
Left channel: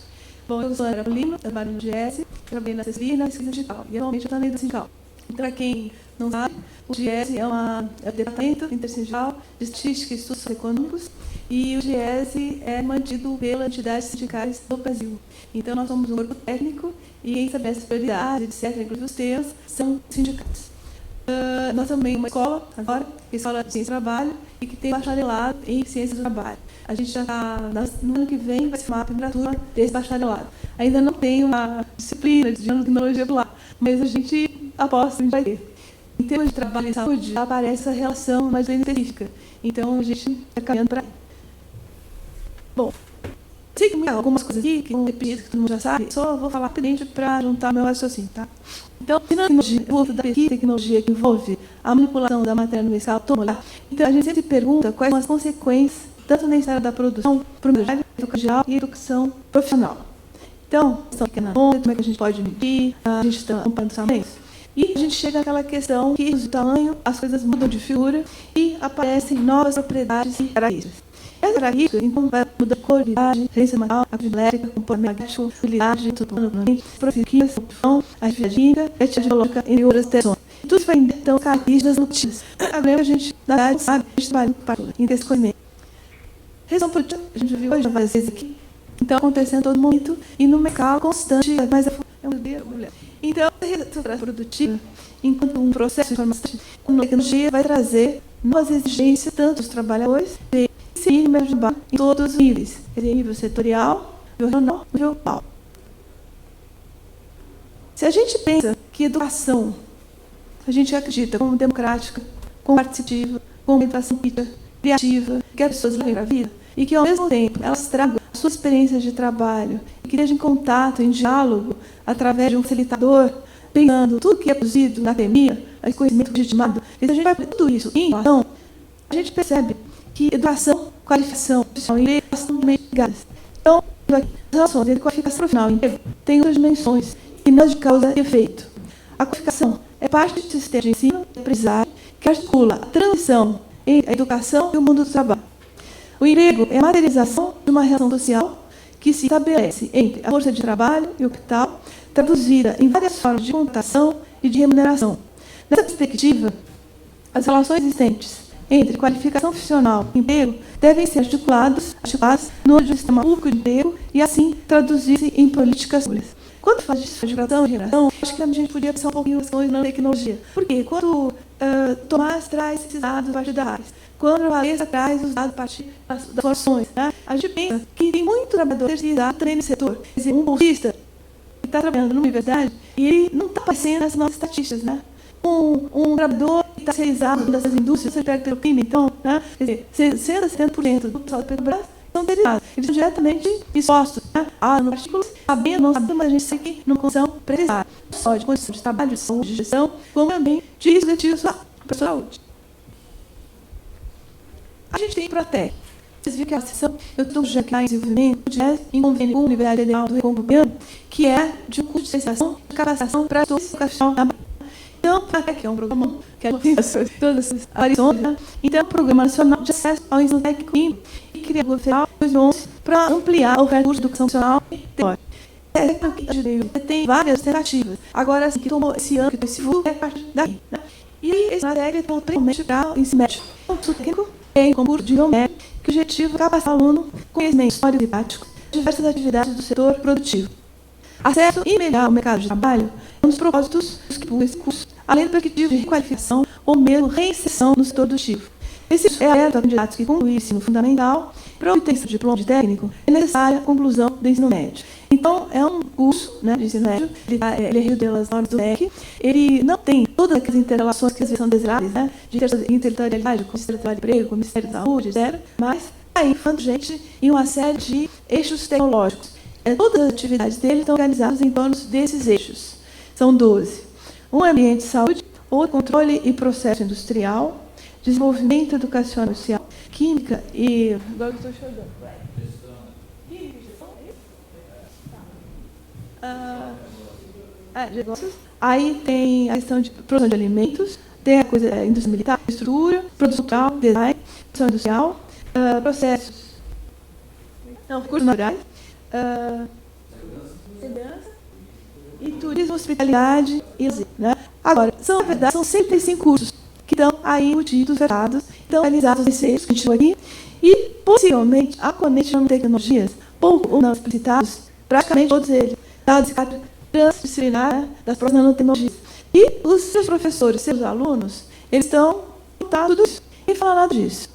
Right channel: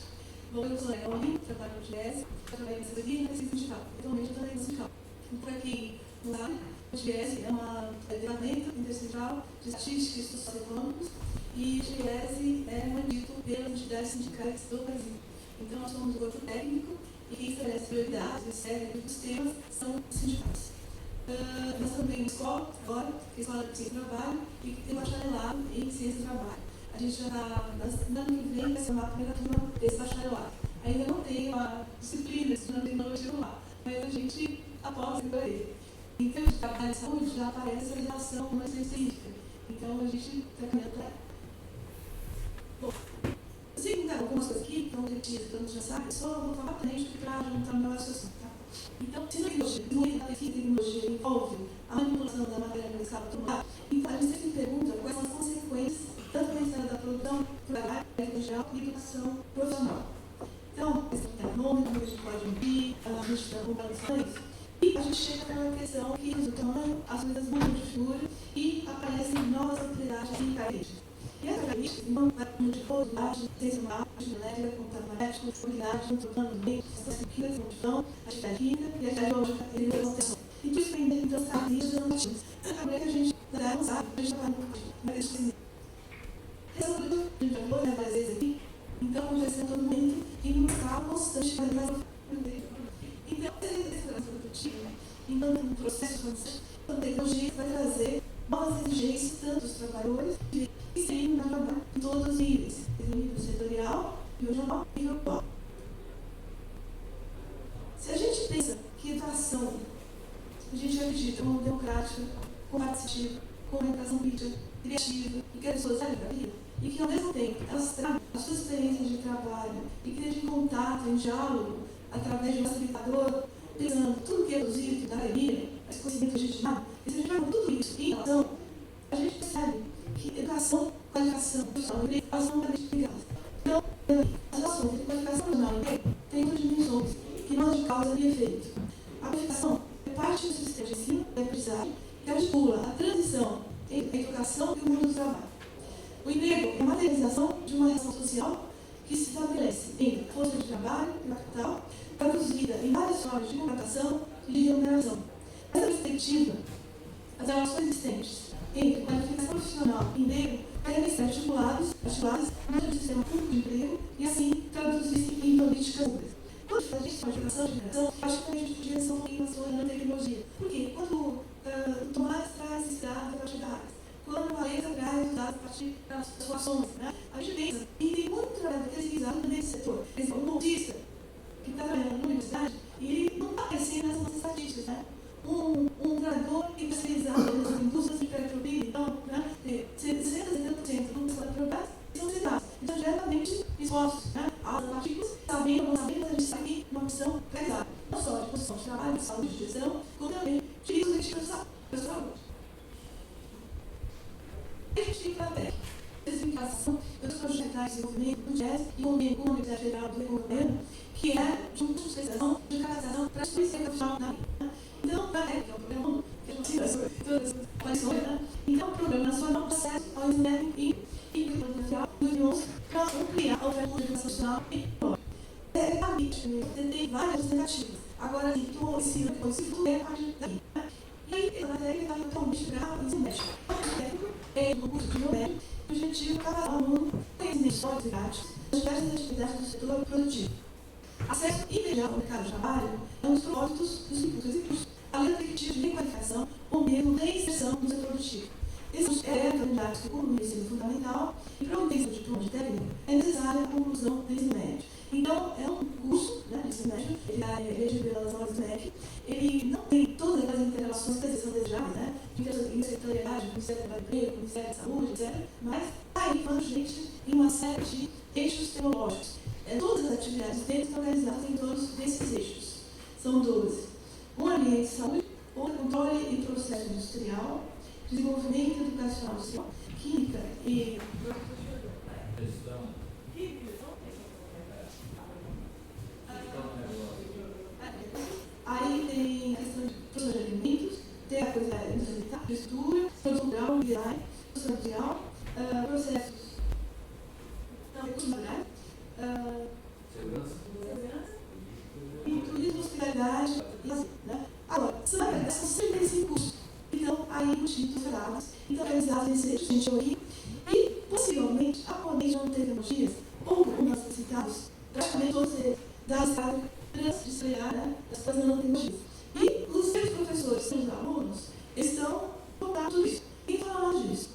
Bom, eu sou a André Lima, trabalho no GS, trabalhei na CESBI e na Pesquisa Digital. E atualmente eu estou na Pesquisa Digital. Então, para quem não sabe, o GS é o Departamento Intersindical de Estatística e Estudos Econômicos, e o GS é mantido pelas entidades sindicais do Brasil. Então, nós somos um grupo técnico e quem estabelece prioridade, etc., dos temas, são sindicatos. Nós também uma escola, agora, que é a Escola de Ciência do Trabalho, e que tem bacharelado em Ciências do Trabalho. A gente já está, no ano que vem, vai ser uma primeira turma desse bacharelado. Ainda não tem uma disciplina de tecnologia do lado, mas a gente aposta que a gente vai ter. Em termos de trabalho e saúde, já aparece essa relação mais específica. Então, a gente está caminhando para aí. Bom, sei que tem algumas coisas aqui que vão repetir, que todo mundo já sabe, só vou falar rapidamente para juntar meu raciocínio, tá? Então, o uso da pesquisa e tecnologia que envolve a manipulação da matéria universal toda, então a gente sempre pergunta quais são as consequências, tanto na área da produção, para educação e educação profissional. Então, como é que a gente pode medir, a gente está comparando isso. E a gente chega àquela questão que, do tamanho, as coisas mudam de figura e aparecem novas propriedades e características. Essa característica, então, vai mudar de cor, idade, resistência material, elétrica, comportamento magnético, utilidade, profissão, a atividade química, biológica, entre outras questões. Tudo isso vai então características notícias. Agora a gente, na verdade, sabe, a gente trabalha em esse conhecimento. Resumo produtiva, a gente viu hoje várias vezes aqui, então acontecendo todo momento e no mercado constante, mas é um dedo, mulher. Então, a reserva produtiva, enquanto um processo de informação, a tecnologia vai trazer novas exigências, tanto dos trabalhadores, e no trabalho em todos os níveis, nível setorial, nível regional, nível global. Se a gente pensa que educação, a gente acredita como democrática, como participativa, como educação criativa, que as pessoas levem a vida, e que ao mesmo tempo elas tragam a sua experiência de trabalho, e que estejam em contato, em diálogo, através de um facilitador, pensando tudo que é produzido na academia, esse conhecimento legitimado, e se a gente vai ver tudo isso em ação, a gente percebe que educação, qualificação profissional e emprego são meio ligadas. Então, as relações entre qualificação profissional e emprego têm duas dimensões, e não de causa e efeito. A qualificação é parte do sistema de ensino e aprendizagem que articula a transição entre a educação e o mundo do trabalho. O emprego é a materialização de uma relação social que se estabelece entre a força de trabalho e o capital, traduzida em várias formas de contratação e de remuneração. Nessa perspectiva, as relações existentes entre qualificação profissional e emprego devem ser articuladas no âmbito do sistema público de emprego e, assim, traduzir-se em políticas públicas. Quando faz disso, de geração, acho que a gente podia pensar um pouquinho na tecnologia. Porque quando Tomás traz esses dados a partir da área, quando a Valesa traz os dados a partir das soluções, né, a gente pensa que tem muito trabalhador terceirizado também no setor. Quer dizer, um bolsista que está trabalhando numa universidade e ele não está aparecendo nas nossas estatísticas, né? Um trabalhador que está terceirizado nessas indústrias, você pega pelo PIB, então, né? Quer dizer, 60% a 70% do pessoal da Petrobras são terceirizados. Eles são diretamente expostos, né, a partículas, sabendo, não sabendo, mas a gente segue numa condição precisada. Não só de condições de trabalho, de saúde, de gestão, como também de riscos letivos para a saúde. A gente tem Protec. Vocês viram que a sessão, eu estou já aqui em desenvolvimento, em convênio com a Universidade Federal do Recôncavo Baiano, que é de um curso de especialização de capacitação para a educação na Bahia. Então, a Protec é um programa que é todas as aparições, né? Então, é um programa nacional de acesso ao ensino técnico e criado no federal 2011 para ampliar o recurso de educação nacional e teórica. Tem várias tentativas. Agora, assim, que tomou esse ano, esse futuro, é a partir daí, né? E esse matéria então, principalmente para o ensino médio. O curso técnico tem concurso de nível médio, que o objetivo é capacitar o aluno com conhecimentos teóricos e práticos de diversas atividades do setor produtivo. Acesso e melhorar o mercado de trabalho é um dos propósitos desse curso, além do objetivo de requalificação ou mesmo reinserção no setor produtivo. Esse curso é aberto a candidatos que concluíram o ensino fundamental. Para obter esse diploma de técnico, é necessária a conclusão do ensino médio. Então, é um curso, né, de ensino médio, ele é regido pelas normas do MEC, ele não tem todas aquelas interrelações que às vezes são desejáveis, né, de interterritorialidade, com o Ministério do Trabalho e Emprego, com o Ministério da Saúde, etc., mas aí, falando gente, em uma série de eixos tecnológicos. Todas as atividades dele estão organizadas em torno desses eixos. São 12. Um ambiente de saúde, outro controle e processo industrial, desenvolvimento educacional social, química e... Agora eu estou chegando. Aí tem a questão de produção de alimentos, tem a coisa indústria militar, estrutura, produção cultural, design, produção industrial, processos, recursos naturais, segurança e turismo, hospitalidade e lazer, né? Agora, na verdade, são 105 cursos que estão aí embutidos, vetados, estão realizados em seis que a gente viu aqui, e possivelmente, atualmente, nas tecnologias, pouco ou não explicitados, praticamente todos eles, dados transdisciplinar, né, das próprias nanotecnologias. E os seus professores, seus alunos, eles estão voltados tudo isso. Ninguém fala nada disso.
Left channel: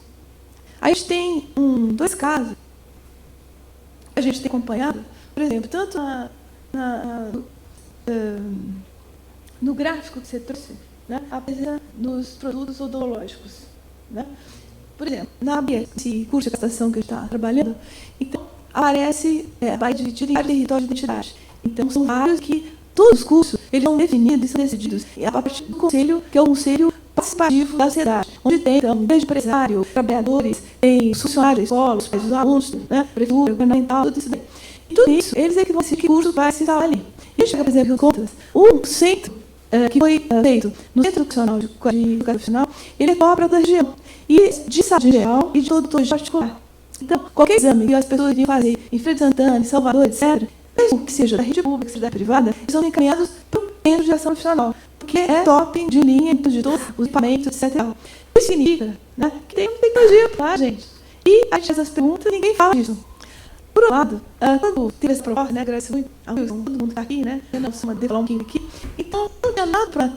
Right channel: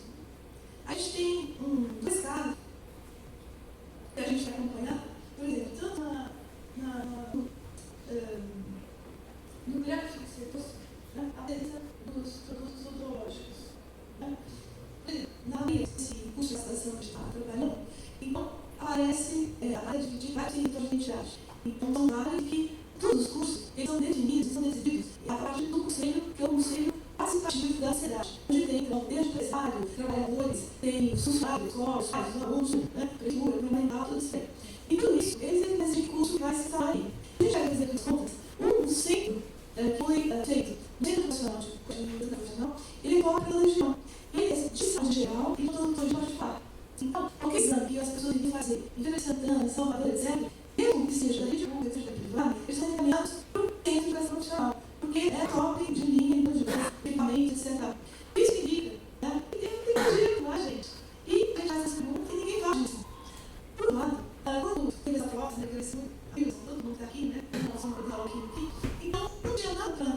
A gente tem dois casos que a gente tem acompanhado, por exemplo, tanto no gráfico que você trouxe, né, a presença dos produtos odontológicos. Né? Por exemplo, esse curso de capacitação que a gente está trabalhando, então aparece, vai dividir em território de identidade. Então, são vários que todos os cursos eles são definidos e são decididos a partir do conselho, que é o conselho participativo da sociedade, onde tem, então, desde empresário, trabalhadores, tem os funcionários, escolas, os alunos, né, prefeitura, governamental, tudo isso daí. E tudo isso, eles é que vão decidir que curso vai se instalar ali. E a gente vai fazer contas, um centro que foi feito no Centro Educacional de Educação Profissional, ele é para toda a região, e de saúde geral e de todo de particular. Então, qualquer exame que as pessoas iriam fazer em Feira de Santana, em Salvador, etc., mesmo que seja da rede pública, seja da privada, eles são encaminhados para o centro de ação profissional, porque é top de linha de todos os equipamentos, etc. Isso significa, né, que tem tecnologia, tá, gente? E a gente faz essas perguntas e ninguém fala disso. Por outro lado, quando teve essa proposta, né, agradeço muito ao Wilson, todo mundo está aqui, né, não se mandei falar um pouquinho aqui, então não tinha nada para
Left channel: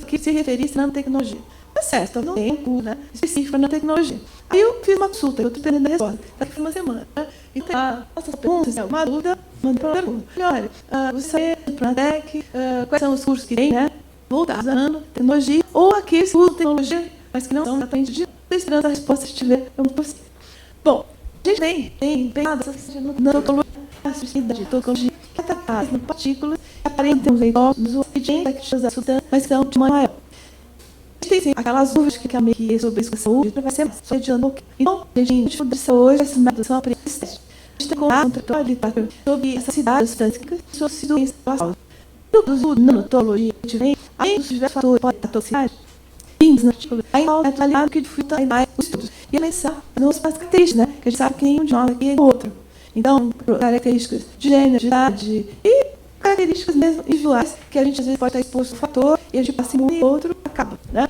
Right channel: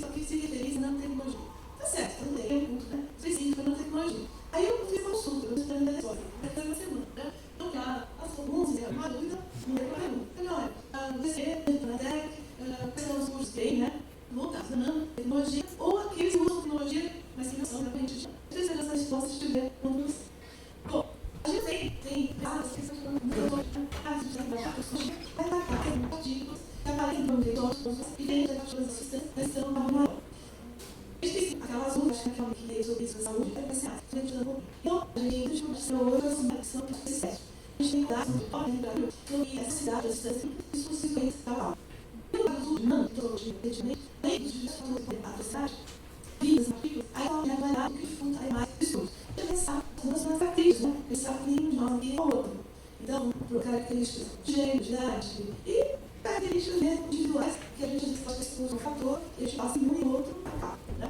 que se referisse à nanotecnologia. Tá certo, não tem um curso, né, específico para nanotecnologia. Aí eu fiz uma consulta, eu estou esperando a resposta, daqui a uma semana, né? Então, essas perguntas, uma dúvida, mandei para a pergunta. Olha, você sabe do Pronatec, quais são os cursos que tem, né, voltados à nanotecnologia, ou aqueles cursos de tecnologia, mas que não são exatamente de... Estou esperando a resposta, se tiver, eu vou possível. Bom, a gente tem pegado essas questões de nanotecnologia, de partículas, que aparentam veículos, e tem da substância, mas são de maior. tem sim, aquelas dúvidas que a MEI sobre isso com a saúde, vai ser mais só adiando um pouquinho. Então, a gente estuda hoje as são aprendizes. A gente tem contato sobre essa cidade, e sobre a doença da saúde. No nanotologia, a gente vem, além dos diversos fatores, pode estar toxicidade, no artigo, aí é avaliado que dificulta mais os estudos. E pensar nas características, né? Que a gente sabe que nenhum de nós aqui é outro. Então, características de gênero, de idade e características mesmo individuais, que a gente às vezes pode estar exposto a um fator e a gente passa em um e outro acaba, né?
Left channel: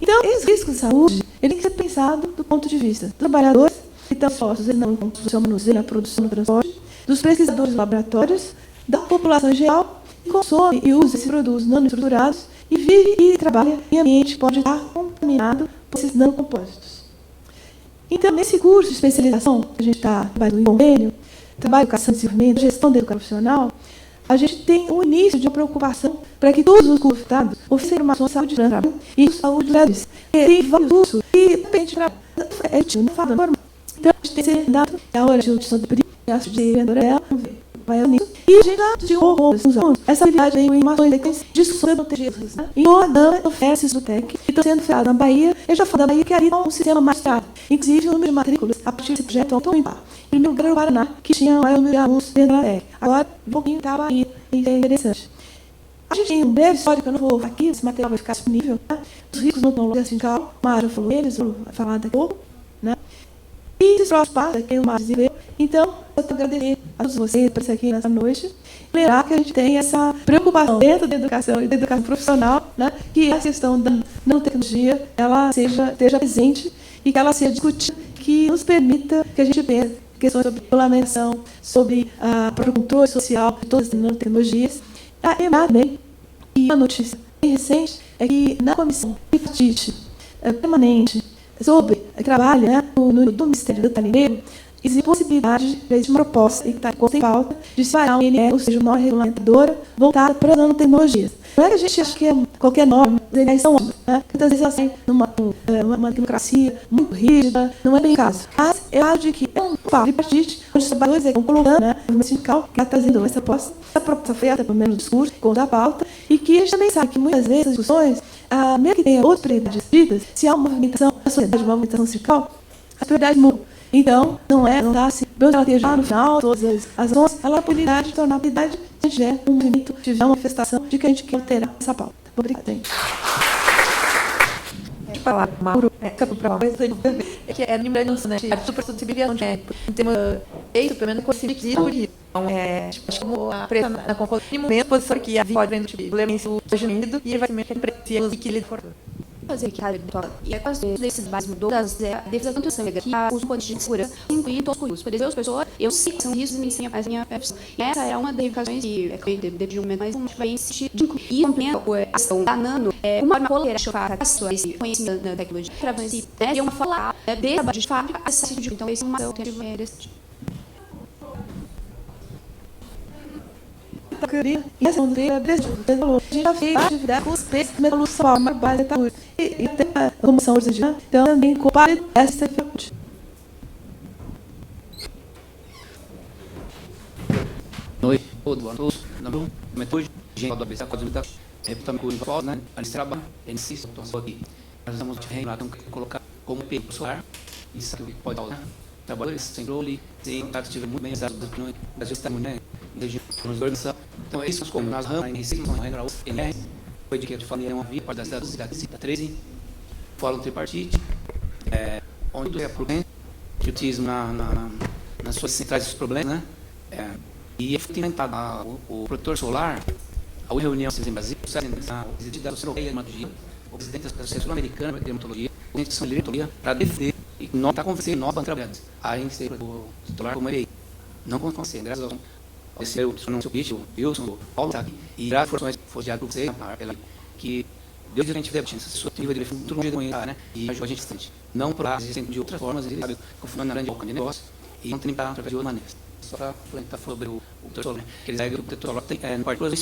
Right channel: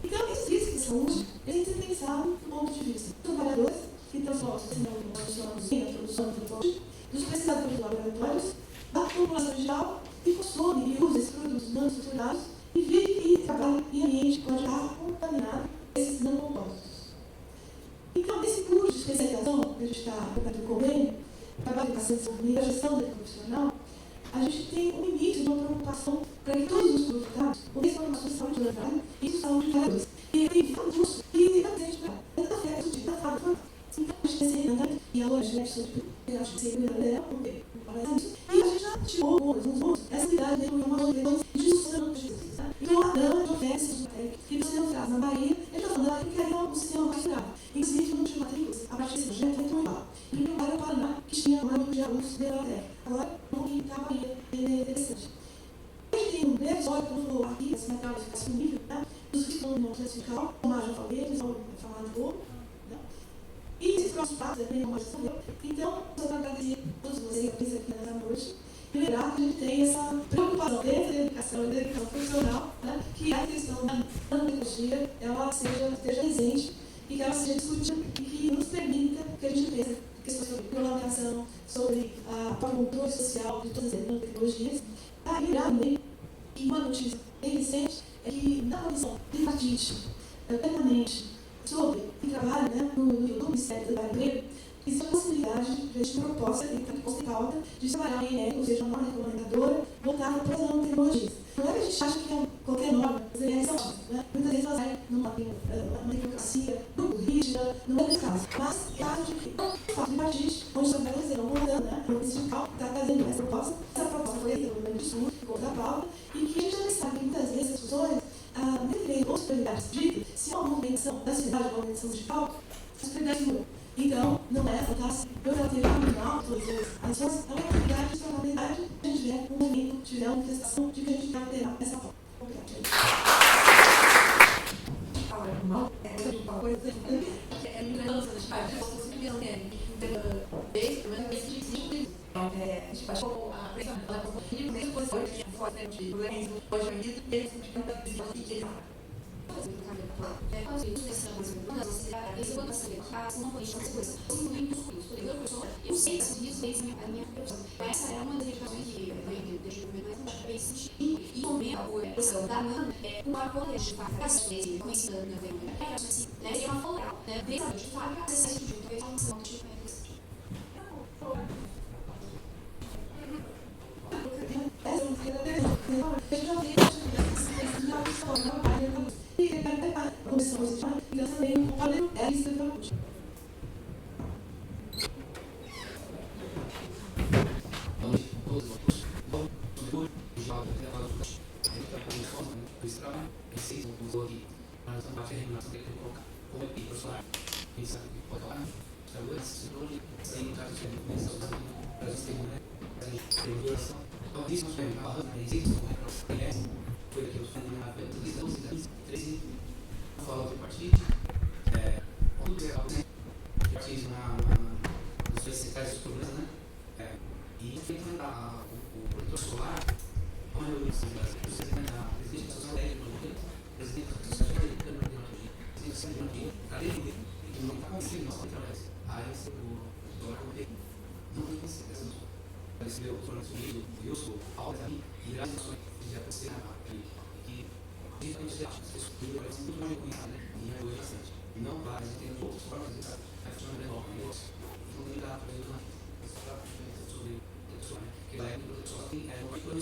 Então, esses riscos de saúde, ele tem que ser pensado do ponto de vista dos trabalhadores que estão expostos na produção, manuseio, na produção, no transporte, dos pesquisadores de laboratórios, da população em geral, que consome e usa esses produtos nanoestruturados e vive e trabalha em ambiente que pode estar contaminado por esses nanocompósitos. Então, nesse curso de especialização, que a gente está trabalhando em convênio, trabalho em educação e desenvolvimento, gestão da educação profissional, a gente tem o início de uma preocupação para que todos os cursos ofereçam informação de saúde de trabalho e saúde graduais. Tem vários cursos e depende para não fala normal. Então, a gente tem seminário, a hora de gestão de preço, de vendedora, vai nisso. E a gente de essa habilidade vem com informações de discussão de em Roldão, oferece do TEC, que estão sendo feitas na Bahia. Eu já falei da Bahia que ali é um sistema mais caro. Inclusive, o número de matrículas a partir desse projeto é aumentar. Em meu lugar, o Paraná, que tinha maior número de alunos dentro da TEC. Agora, um pouquinho está a Bahia, e é interessante. A gente tem um breve histórico, eu não vou aqui, esse material vai ficar disponível, né? Os ricos não estão logo sindical, o Mário falou eles, vou falar daqui a pouco, né? E esses próximos passos, aqui no Mário Zileiro. Então, eu estou agradecendo a todos vocês por estar aqui nessa noite. Lembrar que a gente tem essa preocupação dentro da educação e da educação profissional, né, que a questão da nanotecnologia ela esteja presente e que ela seja discutida, que nos permita que a gente pense questões sobre regulamentação, sobre o controle social de todas as nanotecnologias. E uma notícia bem recente é que na comissão tripartite permanente sobre trabalho, né, no Ministério do Trabalho, existe possibilidade de uma proposta que está em pauta de se parar um INE, ou seja, uma norma regulamentadora voltada para as nanotecnologias. Não é que a gente acha que qualquer norma, as ideias são ótimas, né? Muitas vezes elas têm uma democracia muito rígida, não é bem o caso. Mas eu acho que é um fato tripartite, onde os trabalhadores estão colocando, né, o sindical que está trazendo essa proposta feita pelo menos discurso, contra a pauta, e que a gente também sabe que muitas vezes as discussões, mesmo que tenha outras prioridades discutidas, se há uma movimentação na sociedade, uma movimentação sindical, as prioridades mudam. Então, não está assim, ela tem já no final, todas as ações, ela poderá se tornar prioridade se tiver um movimento, tiver uma manifestação de que a gente quer alterar essa pauta. Obrigada. Falar, Mauro, que é lembrando, né, a supersensibilidade, né, tem uma pelo menos conseguir por isso. Então, como a pressão na composição, mesmo posição que a pode vender de violência agindo e vai ser preciso que ele fazer que a e é quase desses bases das defesa da nutrição que os pontos de segurança incluem todos os por exemplo, as pessoas eu sei que são riscos nem sem a minha profissão. Essa era uma das reivindicações que é feita de um momento mais um vai insistir e compreendo a ação da nano uma coleira chofar esse conhecimento da tecnologia para você né uma falar de trabalho de fábrica acesso de então esse é uma alternativa desse e essa bandeira já fez atividade com vocês pelo forma base e até a comissão hoje então também compartilha essa fonte. Noite, todos, hoje, gente, da pessoa, também por isso, né, a gente trabalha, a gente se estou aqui, nós estamos colocar como EPI solar, isso aqui pode dar, trabalhadores sem controle, sem prática muito bem exato, às vezes está muito, né, então é isso como nós ramos, foi de que eu falei, uma via, parte da cidade 13, fórum tripartite, onde é problema, que utilizo nas suas centrais dos problemas, né, e foi implementado o protetor solar, a reunião em Brasil, o presidente da Sociedade o presidente da Associação Sul-Americana de Dermatologia, o presidente da Associação de Dermatologia, para defender, e nós está conversando, nós vamos trabalhando. Aí a gente o solar como ele não vamos conseguir, graças a Deus. Esse é o seu bicho, eu sou o Paulo, tá aqui, e graças a Deus, foi diário por você, que Deus a gente deve ter essa sua ativa de muito longe de conhecer, né, e ajudou a gente bastante. Não por lá, sempre de outras formas, ele sabe, confiando na grande boca de negócio, e não tem que estar através de outra maneira. Só para comentar sobre o protetor solar, né, que eles aí o protetor solar tem, no quarto do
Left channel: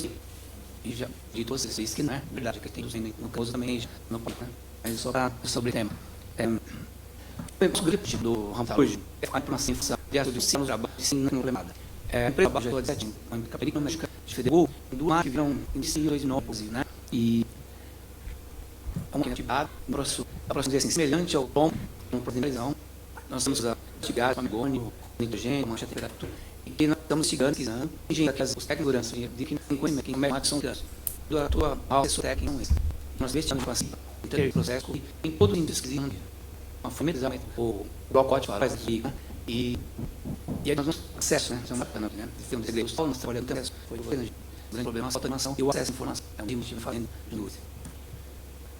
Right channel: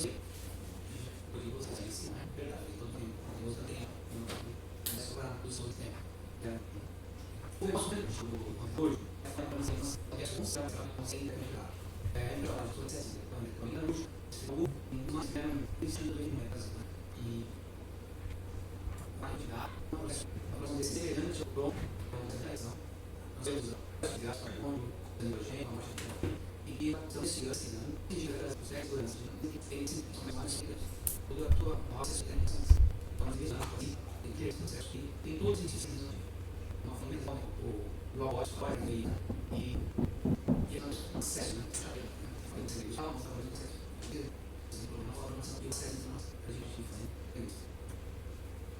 e já de todos esses que não é verdade, que tem no caso também, não pode, né, mas só para sobre o tema. O objetivo do Ramtal hoje é a implementação de ações do ensino trabalho de ensino implementada. A empresa já estou dizendo, a película de FEDERU, do mar que virão em 2009, né? E uma atividade, um processo assim, semelhante ao tom, uma televisão. Nós temos a gás, amigônio, nitrogênio, mancha de temperatura, e que nós estamos investigando, engenhando as técnicas de segurança, de que conhecimento, que médicos são crianças, da tua assessor técnico, nós investigamos assim, em processo, em todo o índice que uma família, o blocote faz aqui, e aí nós temos acesso, né? Isso é uma bacana, né? Temos segredos, nós trabalhamos também, foi grande problema, a falta de informação e o acesso à informação. É um livro que fazendo de luz.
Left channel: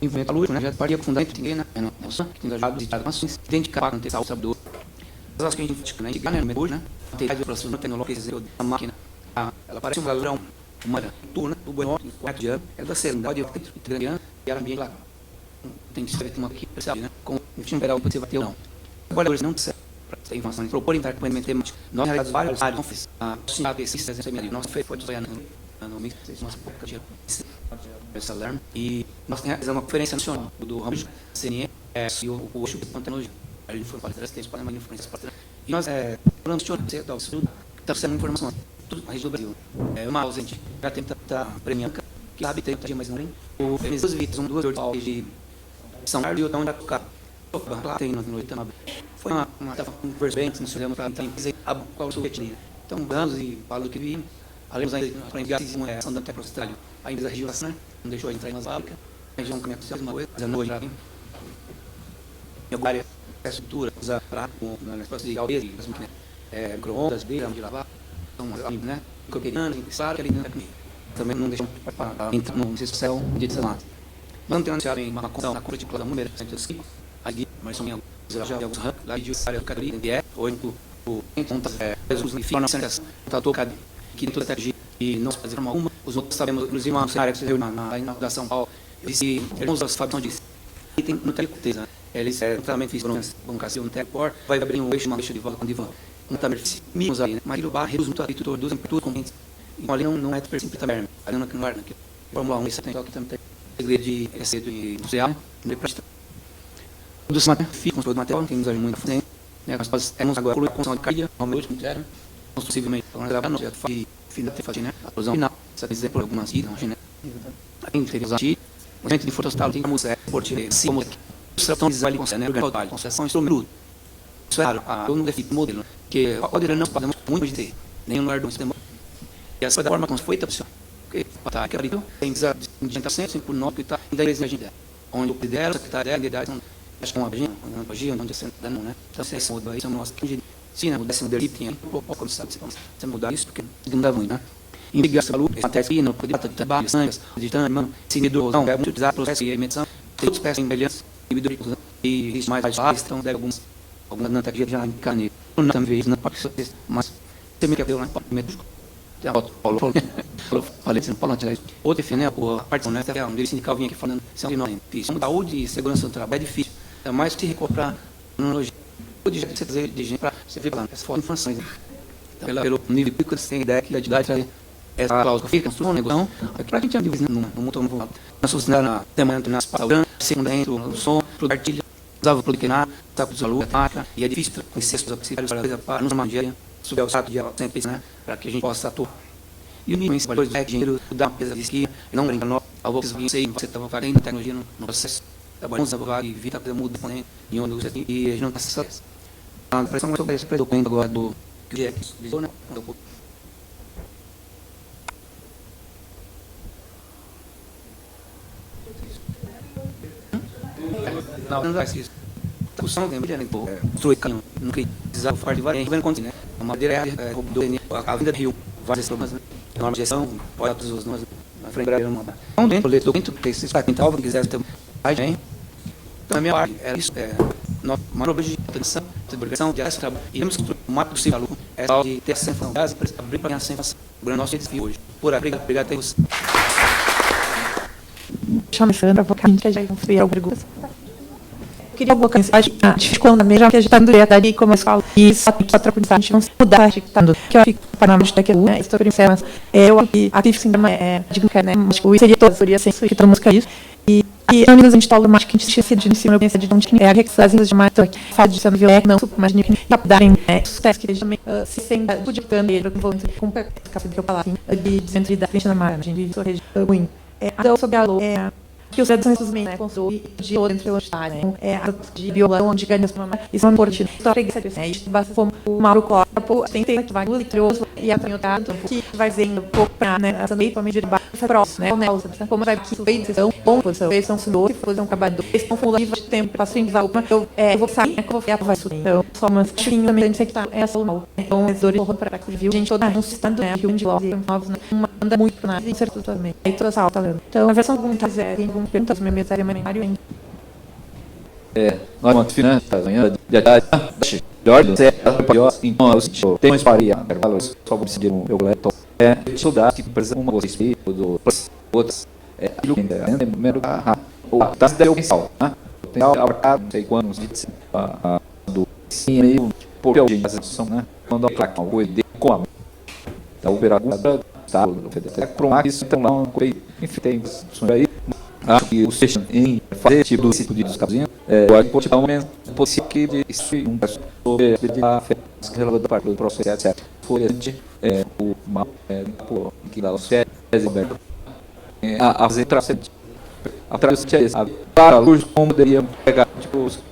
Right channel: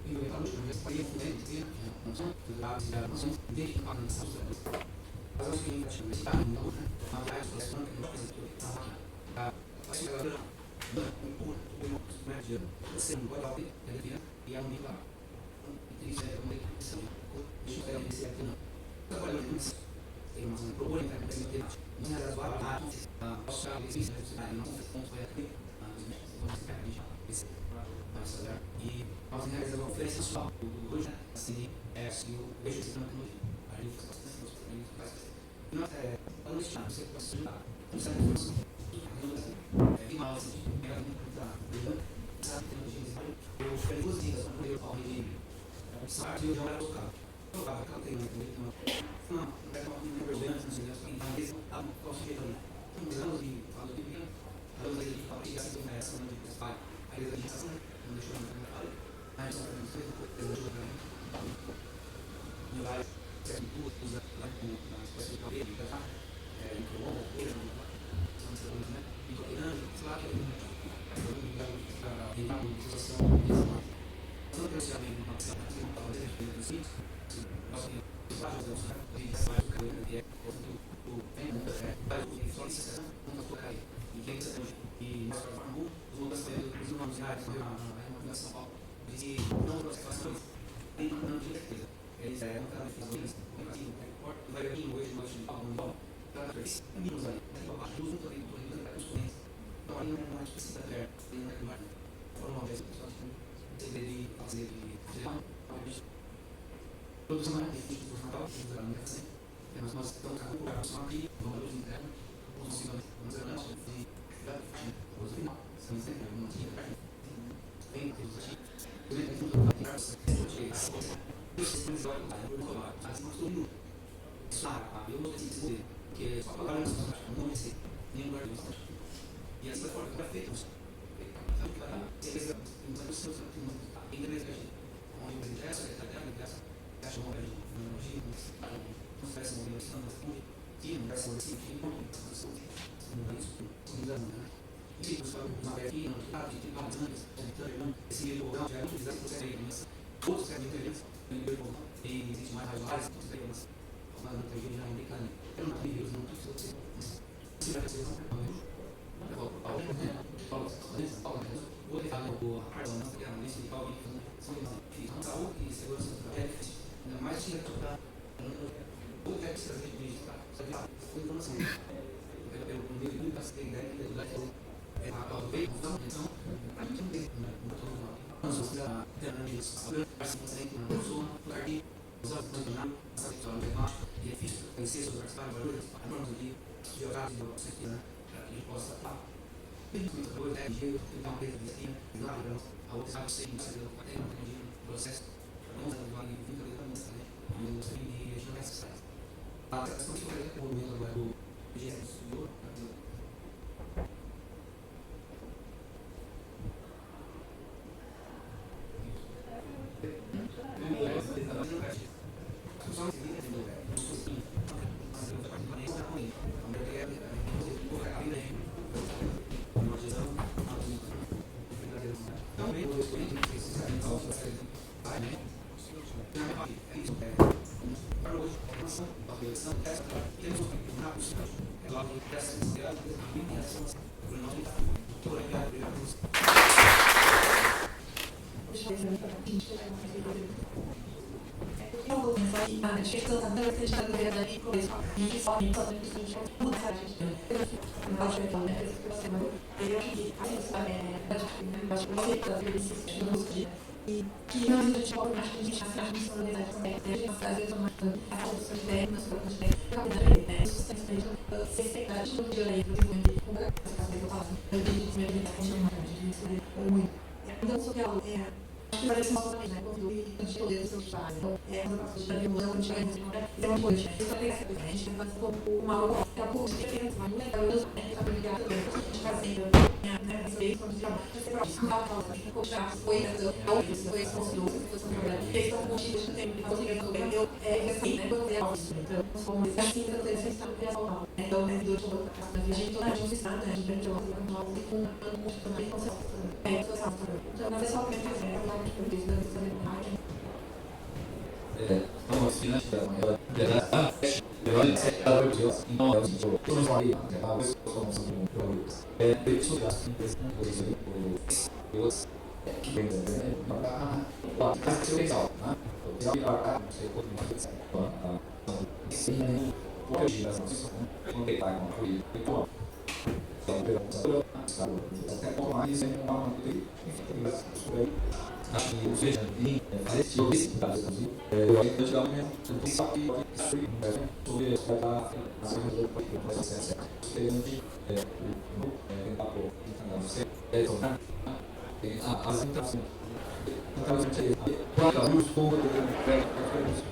Envolvimento lúdico, né? Já partia profundamente, né? É noção que tem ajudado a visitar informações, identificar, contestar o sabedor. As ações que a gente indica, né? Hoje, né? Tem a aproximação tecnológica da máquina. Ela parece um ladrão, uma turna, do bueno, do quarto de ano, ela vai ser um bode grande ano, e ela meio lá. Tem que ser uma equipe, percebe, né? Com o time geral, você vai ter ou não. Agora, hoje não precisa ter informação, propor intercomendamento temático. Nós realizamos vários áreas, a nossa feira foi de no mix, essa alarme, e nós realizamos uma conferência nacional do ramo de CNE e o Oxo de Tecnologia. A gente foi para trás, para uma influência para trás. E nós falamos de está sendo informação, tudo na região do Brasil. É uma ausente, já tem que premiando, que sabe tem mais um. O fez duas vítimas, duas de São Carlos e outra onde vai tocar. Lá tem no Itamaba. Foi uma conversa bem, não se lembra para qual o sujeito. Então, mudamos e falando que vi. Além para enviar a ação da tecnologia, a empresa região não deixou entrar nas fábricas, a região comercial uma coisa, mas hoje já vem. Em alguma área, a estrutura, usa prato, negócio de galdeira, micro-ondas, beira, de lavar, então, né? Coqueirando, claro que ele também não deixa entrar no céu de deslamado. Vamos ter anunciado em uma conta na compra de da mulher, ali, mas são já de alguns ramos, lá de área do Cadê, hoje o Jesus me fica na sanização, está tocado. Que dentro da tecnologia e não fazer uma, os outros sabemos, inclusive uma área que se viu na inauguração Paulo, disse, irmãos da Fabião disse, e tem muita certeza, eles totalmente fizeram um cassio no Tecpor, vai abrir um eixo, uma eixo de volta, não está mínimos ali, né? Mas o barro reduz muito a atitude, reduz tudo com então ali não é perfeito também, ali não é que Fórmula 1, isso tem que também tem segredo de receita industrial, de prática. Tudo isso material, todo material, temos ali muita frente, né? Nós temos agora a construção de caia, ao meu último zero, possivelmente falando da nossa fase final, a explosão final, essa exemplo algumas vidas, né? Além de ter usado o gente de fotostal tem como esporte, se como construção de design com né, total, construção instrumento. Isso é raro, eu não defino modelo, que pode não podemos muito de ter, nem no ar do sistema. E essa forma como foi opção, que tá que abriu, tem que digita sempre por nós que tá e da igreja gente, onde o lidera, secretário da idade, acho que uma página, onde você não, né? Então se muda aí, são nossas sim, né? Mudasse o que um pouco, sabe? Você mudar isso, porque não dá muito, né? Investigar essa luta, a tese não podia estar de trabalho, sangue, de tanto, seguidor, não, é muito desastre, processo e medição, todos peças semelhantes, e isso mais baixo, então deve algumas na tecnologia já encarnei. Não também não pode ser, mas você me quer ver, né? Paulo falei, você não pode tirar isso. Ou defender a parte honesta, um líder sindical vinha aqui falando, isso é um difícil. Saúde e segurança do trabalho é difícil, é mais que recuperar tecnologia. De jeito que você trazer de gente para você ver essas informações. Então, pelo nível público, você tem ideia que a idade traz essa cláusula fica, construção, negociação, para a gente dividir no mundo novo. Nós funcionamos na demanda nas palavras, segundo dentro, o som, para o artilha, usava para o liquinar, para o saúde, e é difícil conhecer os auxiliares para nos manejar, subir ao status de ela sempre, né, para que a gente possa atuar. E o nível de valores de dinheiro, dar uma pesada de esquia, não brincar nós, ao você sei, você estava fazendo tecnologia no processo, trabalhamos na vaga e vida muda em onde você tem, e a gente não está satisfeito. A pressão é sobre esse documento agora do que é visou, né? Não faz isso. A discussão tem brilhante, pô. Estou caminho, não queria precisar falar de várias, vendo quanto, né? A madeira a vinda de rio, várias problemas, normas de gestão, pode todos os nomes, na frente da não mandar. Então, dentro do documento, que se está quintal, se quiser ter mais, hein? Então, a minha parte era isso, uma objeção, atenção, divulgação de essa trabalho. E temos que o mais possível aluno, é só de ter essa sensação, abrir para a sensação, o nosso desafio hoje. Por aí, obrigado a todos. Chama Sandra, vou que já construir alguma pergunta. Eu queria alguma coisa, acho que a gente quando a mesma que a gente está no direto ali, como eu falo, e só tem que a gente não se mudar, acho que está no que eu fico para não daqui, né, estou pensando, mas eu acho que a sim é digo que né, mas o seria todo, seria sempre que todo música isso. E a gente fala mais que a gente tinha sido em cima da de onde é a reexagem de mais aqui, fala de sendo violento, não super, mas nem darem sucesso que eles também se sentem pudicando ele com capa de falar de centro da frente da margem de sorriso ruim. Então sobre a que os cidadãos também, né, construem de outra entre os pais, né, de violão, de ganhos, isso é importante. Só preguiça, né, isso basta como o Mauro Corpo, tem que vai litroso e a canhotado, que vai vendo um pouco para, né, essa meio família de baixo, próximo, né, como vai que foi são bom, eles são senhores, são trabalhadores, eles são fulaniva de tempo, passo em valor, eu vou sair, eu vou ver a vai subir. Então, só umas chiquinhas também, tem que estar, é só mal. Então, os dores vão para civil, gente, toda um sistema, né, que um de lojas, novos, uma anda muito na incerteza também. Aí toda essa alta, né. Então, a versão que tem perguntas, meu mesário, memário, nós vamos finanças, amanhã, de ordem certa, então, eu tenho uma história, só vou seguir o meu goleto, estudar que precisa uma coisa do outras, primeiro, tá se deu pensar, né? Tem abarcado, não sei quantos, do meio, por alguém, né? Quando a placa, uma coisa de como a operadora, tá, para um isso, então, lá, uma coisa, enfim, tem isso aí. Acho que o sexto em fazer esse tipo de discussão, eu acho que pode dar um menos possível que de sobre a relação da parte do processo, etc. Foi a gente, o mal, que dá os férias, a fazer traçamento. A tradução para luz, como poderia pegar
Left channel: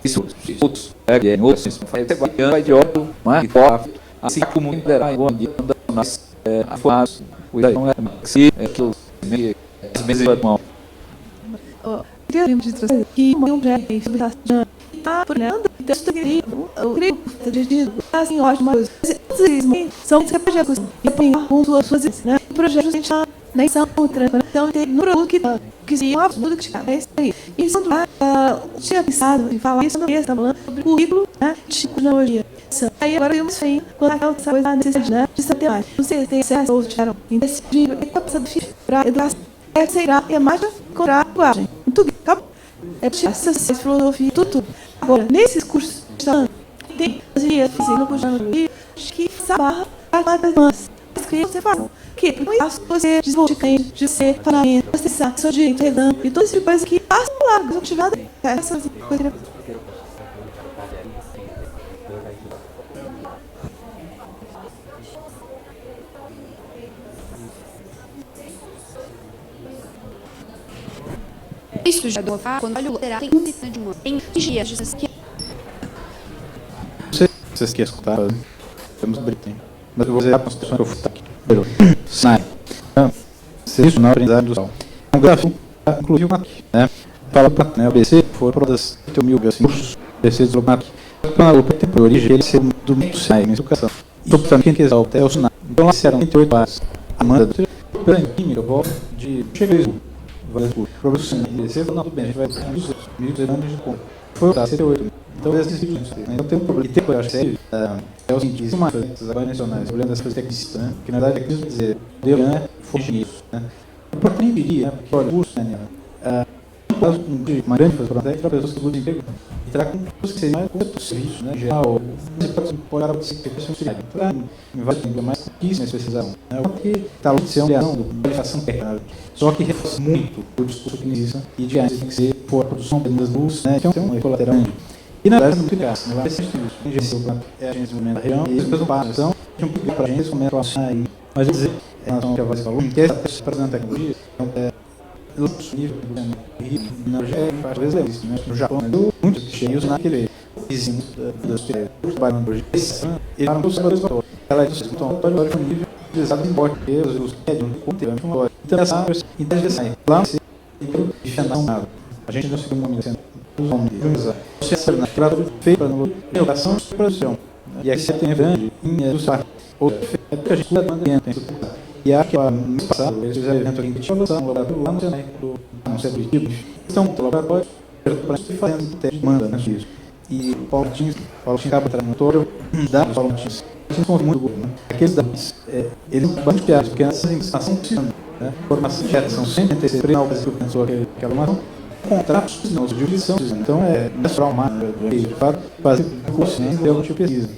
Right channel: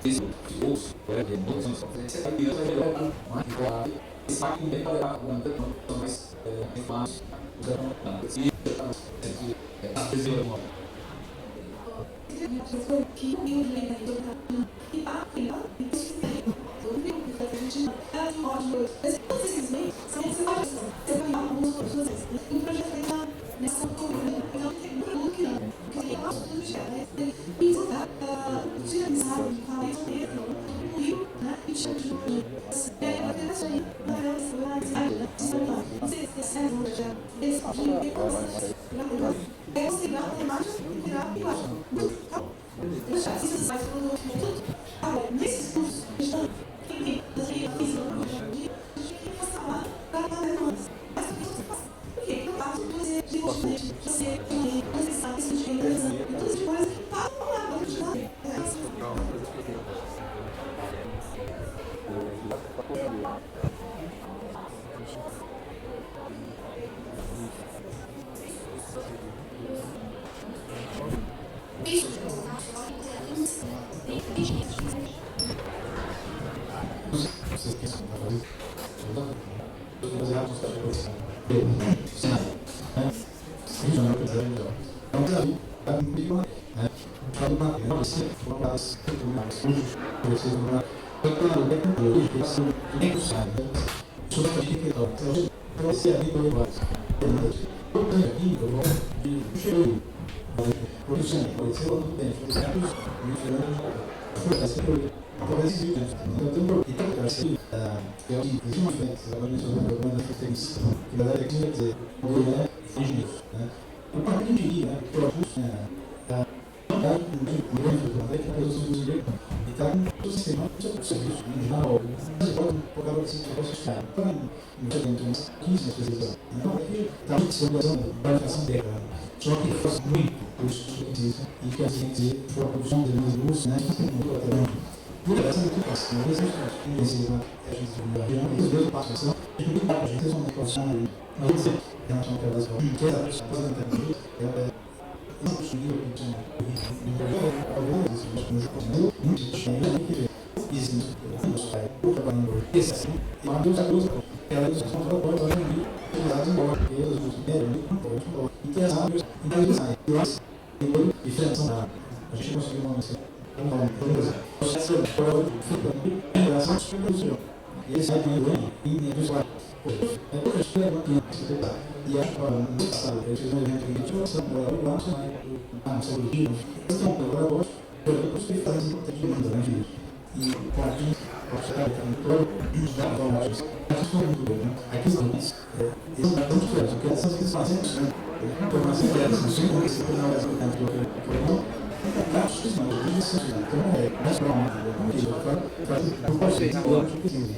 isso, outros, outros, vai de óbvio, mas assim como liderar em boa medida, nas formas, o não é que os meses de mal. Queria de trazer que um projeto sobre a programa então eu creio que assim ótimo são projetos que tem alguns outros né projetos que já nem são então tem no produto que se uma tudo que é isso aí e são tinha pensado em falar isso mesmo falando sobre o currículo né de tecnologia aí agora eu não sei quando essa coisa a necessidade né de saber mais não sei se tem acesso ou tiveram indecidido tem passado para educação será é mais encontrar linguagem muito bem acabou essa filosofia tudo agora nesses cursos tem que barra as demais que você fala que você desenvolve de ser parlamento acessar seu direito e todas essas coisas que passam lá não tiver nada essa coisa. Isso já deu quando olha o lateral tem um de uma em dias de que vocês querem escutar temos um briefing mas eu vou dizer a construção que eu fiz aqui sai serviço na aprendizagem industrial um gráfico inclusive uma né fala para né o BC foi para das 8.000 assim BC deslocado para o PT por origem ele ser do muito sai na educação sobre também que exalta é o sinal então lá serão 28 horas a manda eu vou de cheguei vai por produção descer não bem vai ter dos foi da C8 então assim não tem problema e tempo eu achei é o seguinte uma agora mencionando olhando as coisas técnicas né que na verdade aqui quer dizer deu né foi isso né o próprio dia produz né uma grande oportunidade para pessoas do emprego e traga com você mais serviço né geral você pode olhar para você para invadir ainda mais isso necessidade né porque está lá sendo uma ação técnica só que reforça muito o discurso que existe e de antes tem que ser por a produção das luzes né que é um colateral e na verdade não fica assim mas é a gente da região e isso faz então a gente não para a gente esse momento aí mas vou dizer em relação ao que a voz falou que essa apresentação tecnologia no Japão, muito cheios naquele vizinho do trabalho e a produção ela é utilizada em português, os médios, o conteúdo, então essa interessante lá e final a gente não se feita na inovação e produção e aqui você tem grande em usar outro a gente não tem e acho que no passado eles fizeram evento aqui de inovação lá no seu objetivo estão colaboratórios para se fazer manda isso e o Paulo acaba trazendo da Paulo são muito bons aqueles dados eles são bastante piados porque essa informação formação de geração sempre tem esse final que a contratos não de jurisdição então é natural para fazer o consciência pela pesquisa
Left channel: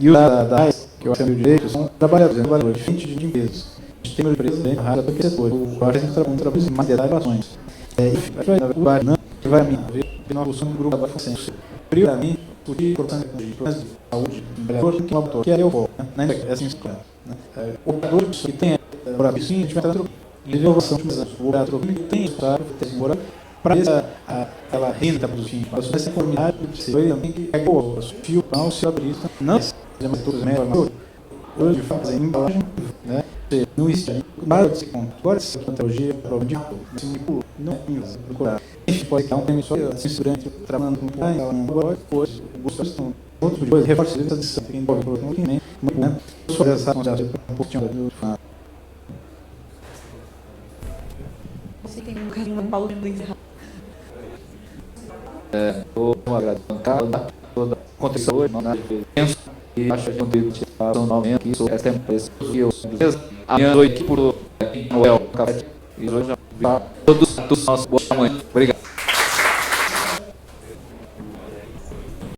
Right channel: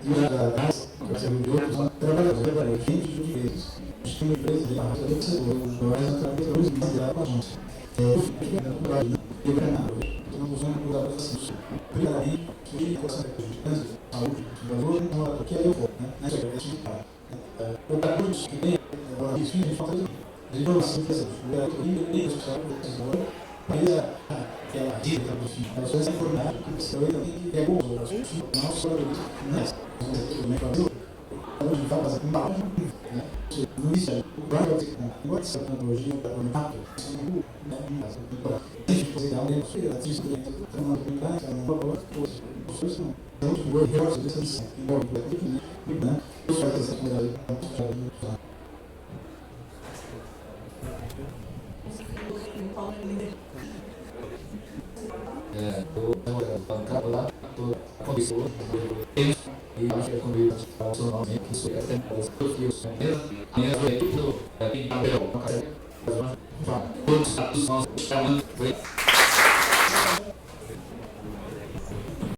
e os da que eu acho que direito são trabalhadores diferentes de empresas a gente tem uma empresa bem rara para o setor agora a gente está trabalhando mais inovações o Barnã que vai ver que nós usamos um grupo da facente primeiramente o que é importante de saúde que é eu vou né essa o operador que tem agora sim a gente vai estar inovação o operador que tem estado temporário para aquela renda para os fins. Mas essa comunidade precisa tem que pegar o fio, não se autoriza, não é tudo melhor. Hoje fazem embalagem, né? Não existe. Agora se a plantologia é para o diabo, não é. A gente pode dar um tempo só durante trabalhando com um valor, depois, outros dois reforços de transição. Muito bem. Sobre essa consideração, um pouquinho vou agradecer toda a contribuição e acho que contribuição novamente sobre essa empresa que eu amanhã noite por Noel Café e hoje todos os nossos boa noite. Obrigado.